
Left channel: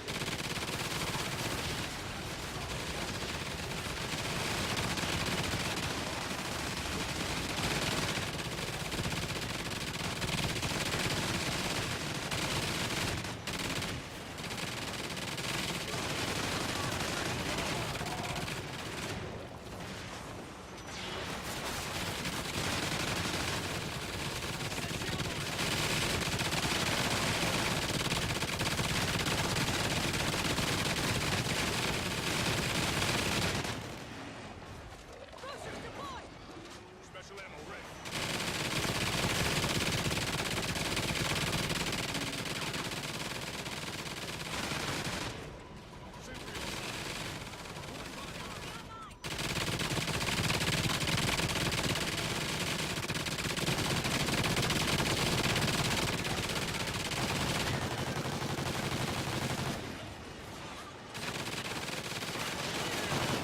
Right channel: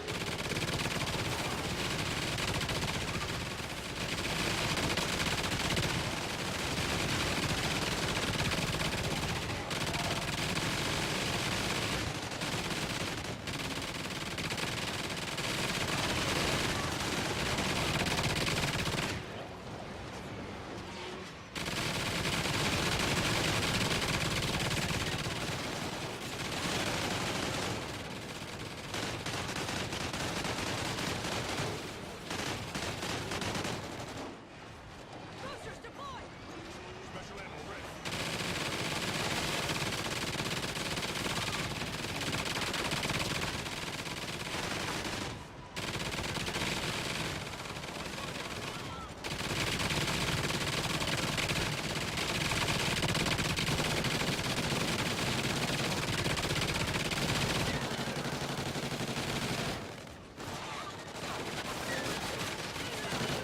Boosters deployed! Special ammo ready. Sentry online. Deploying body armor! Sentry online! Sentry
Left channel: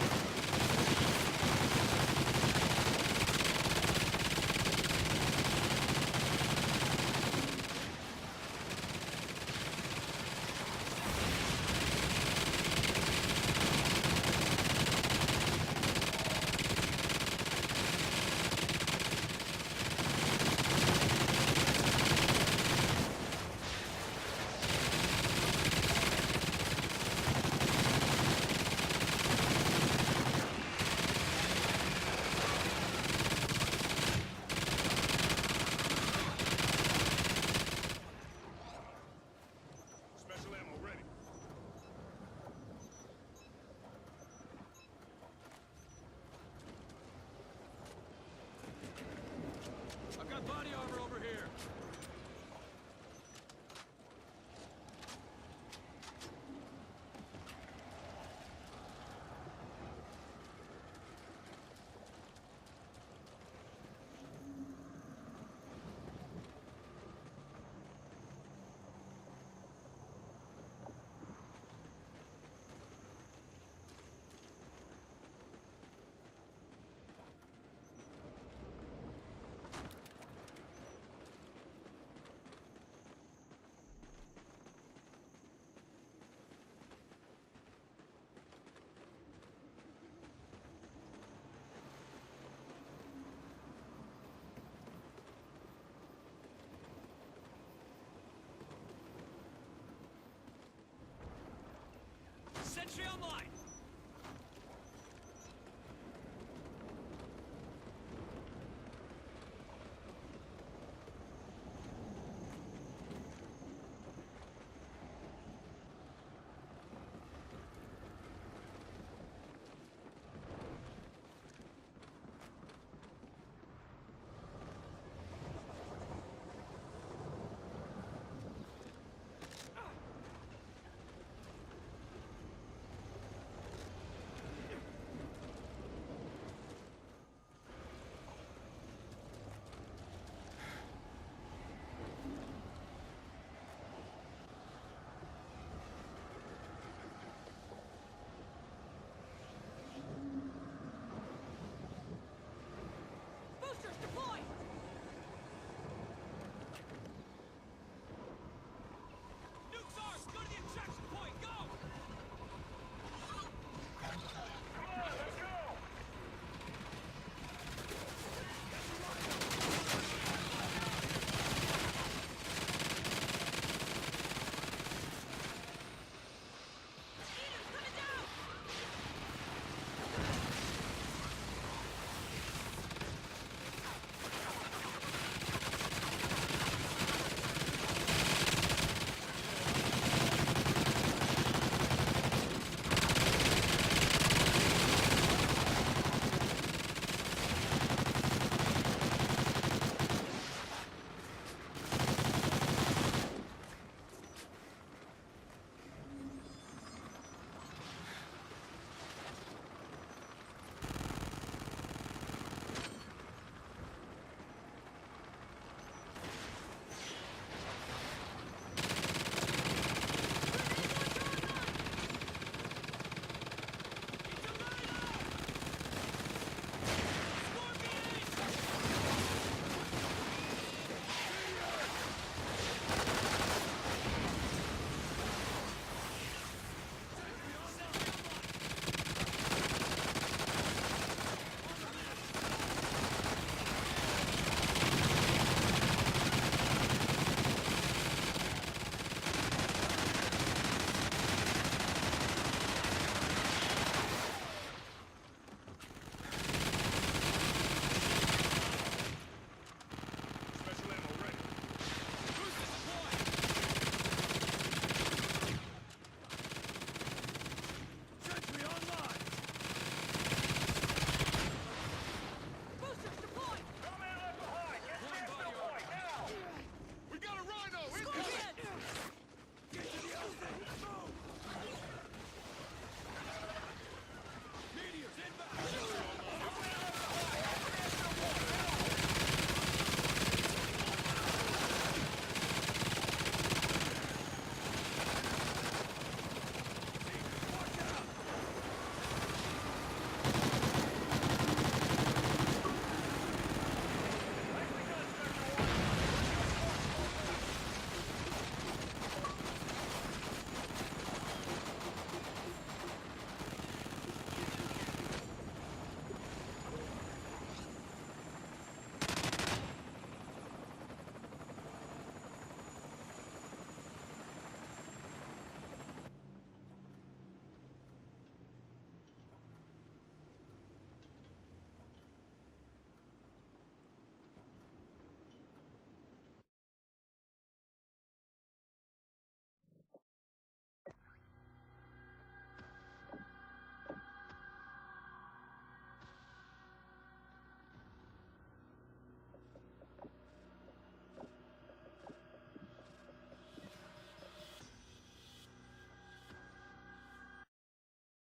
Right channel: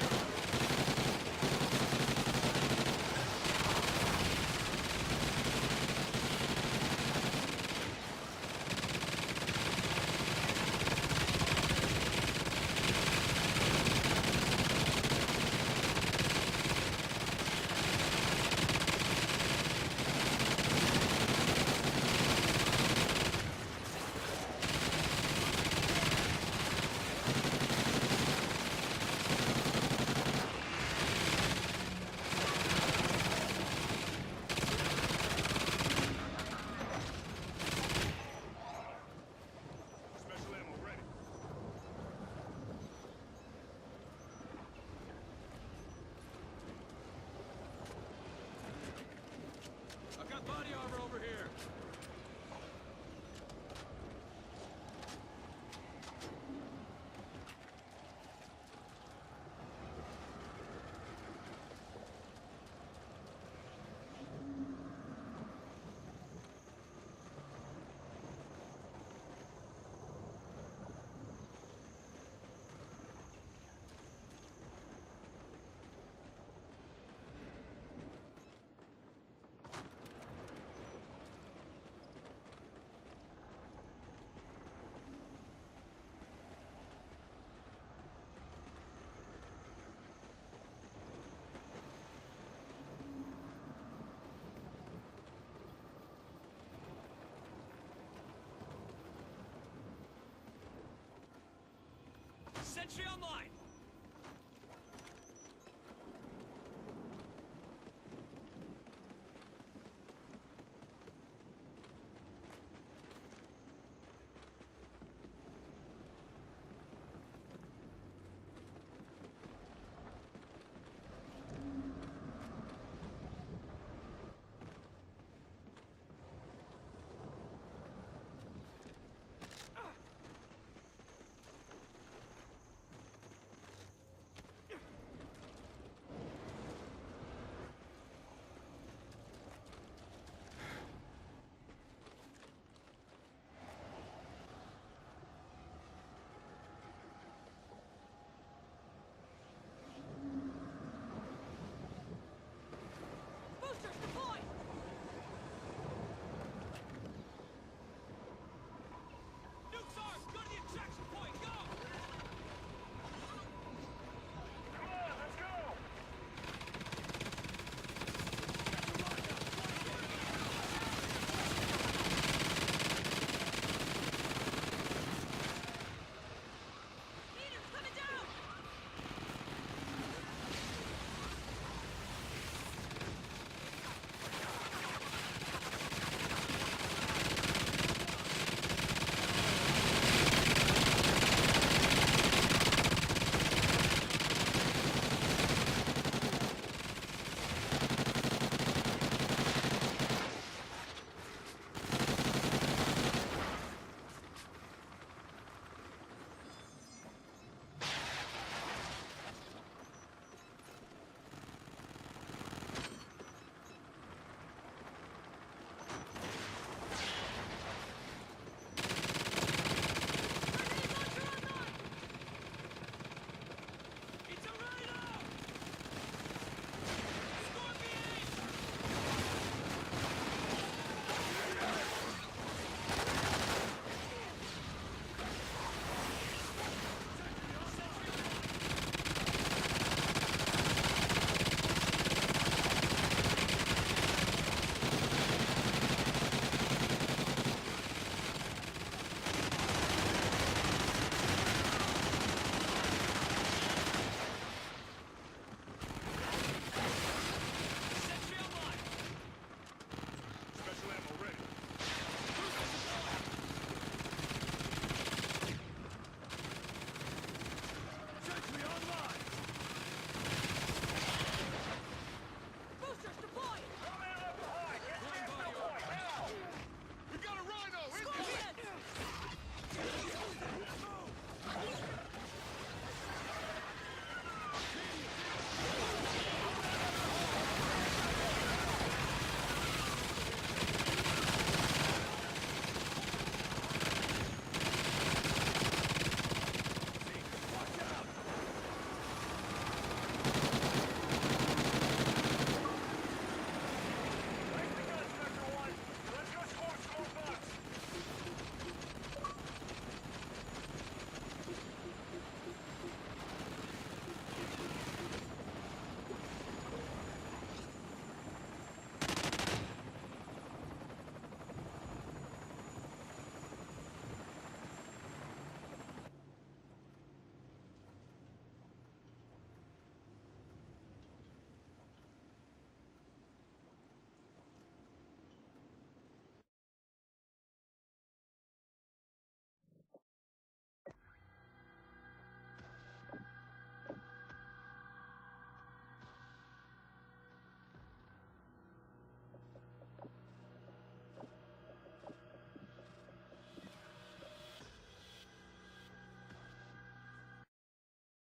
Body armor over here! Sentry online!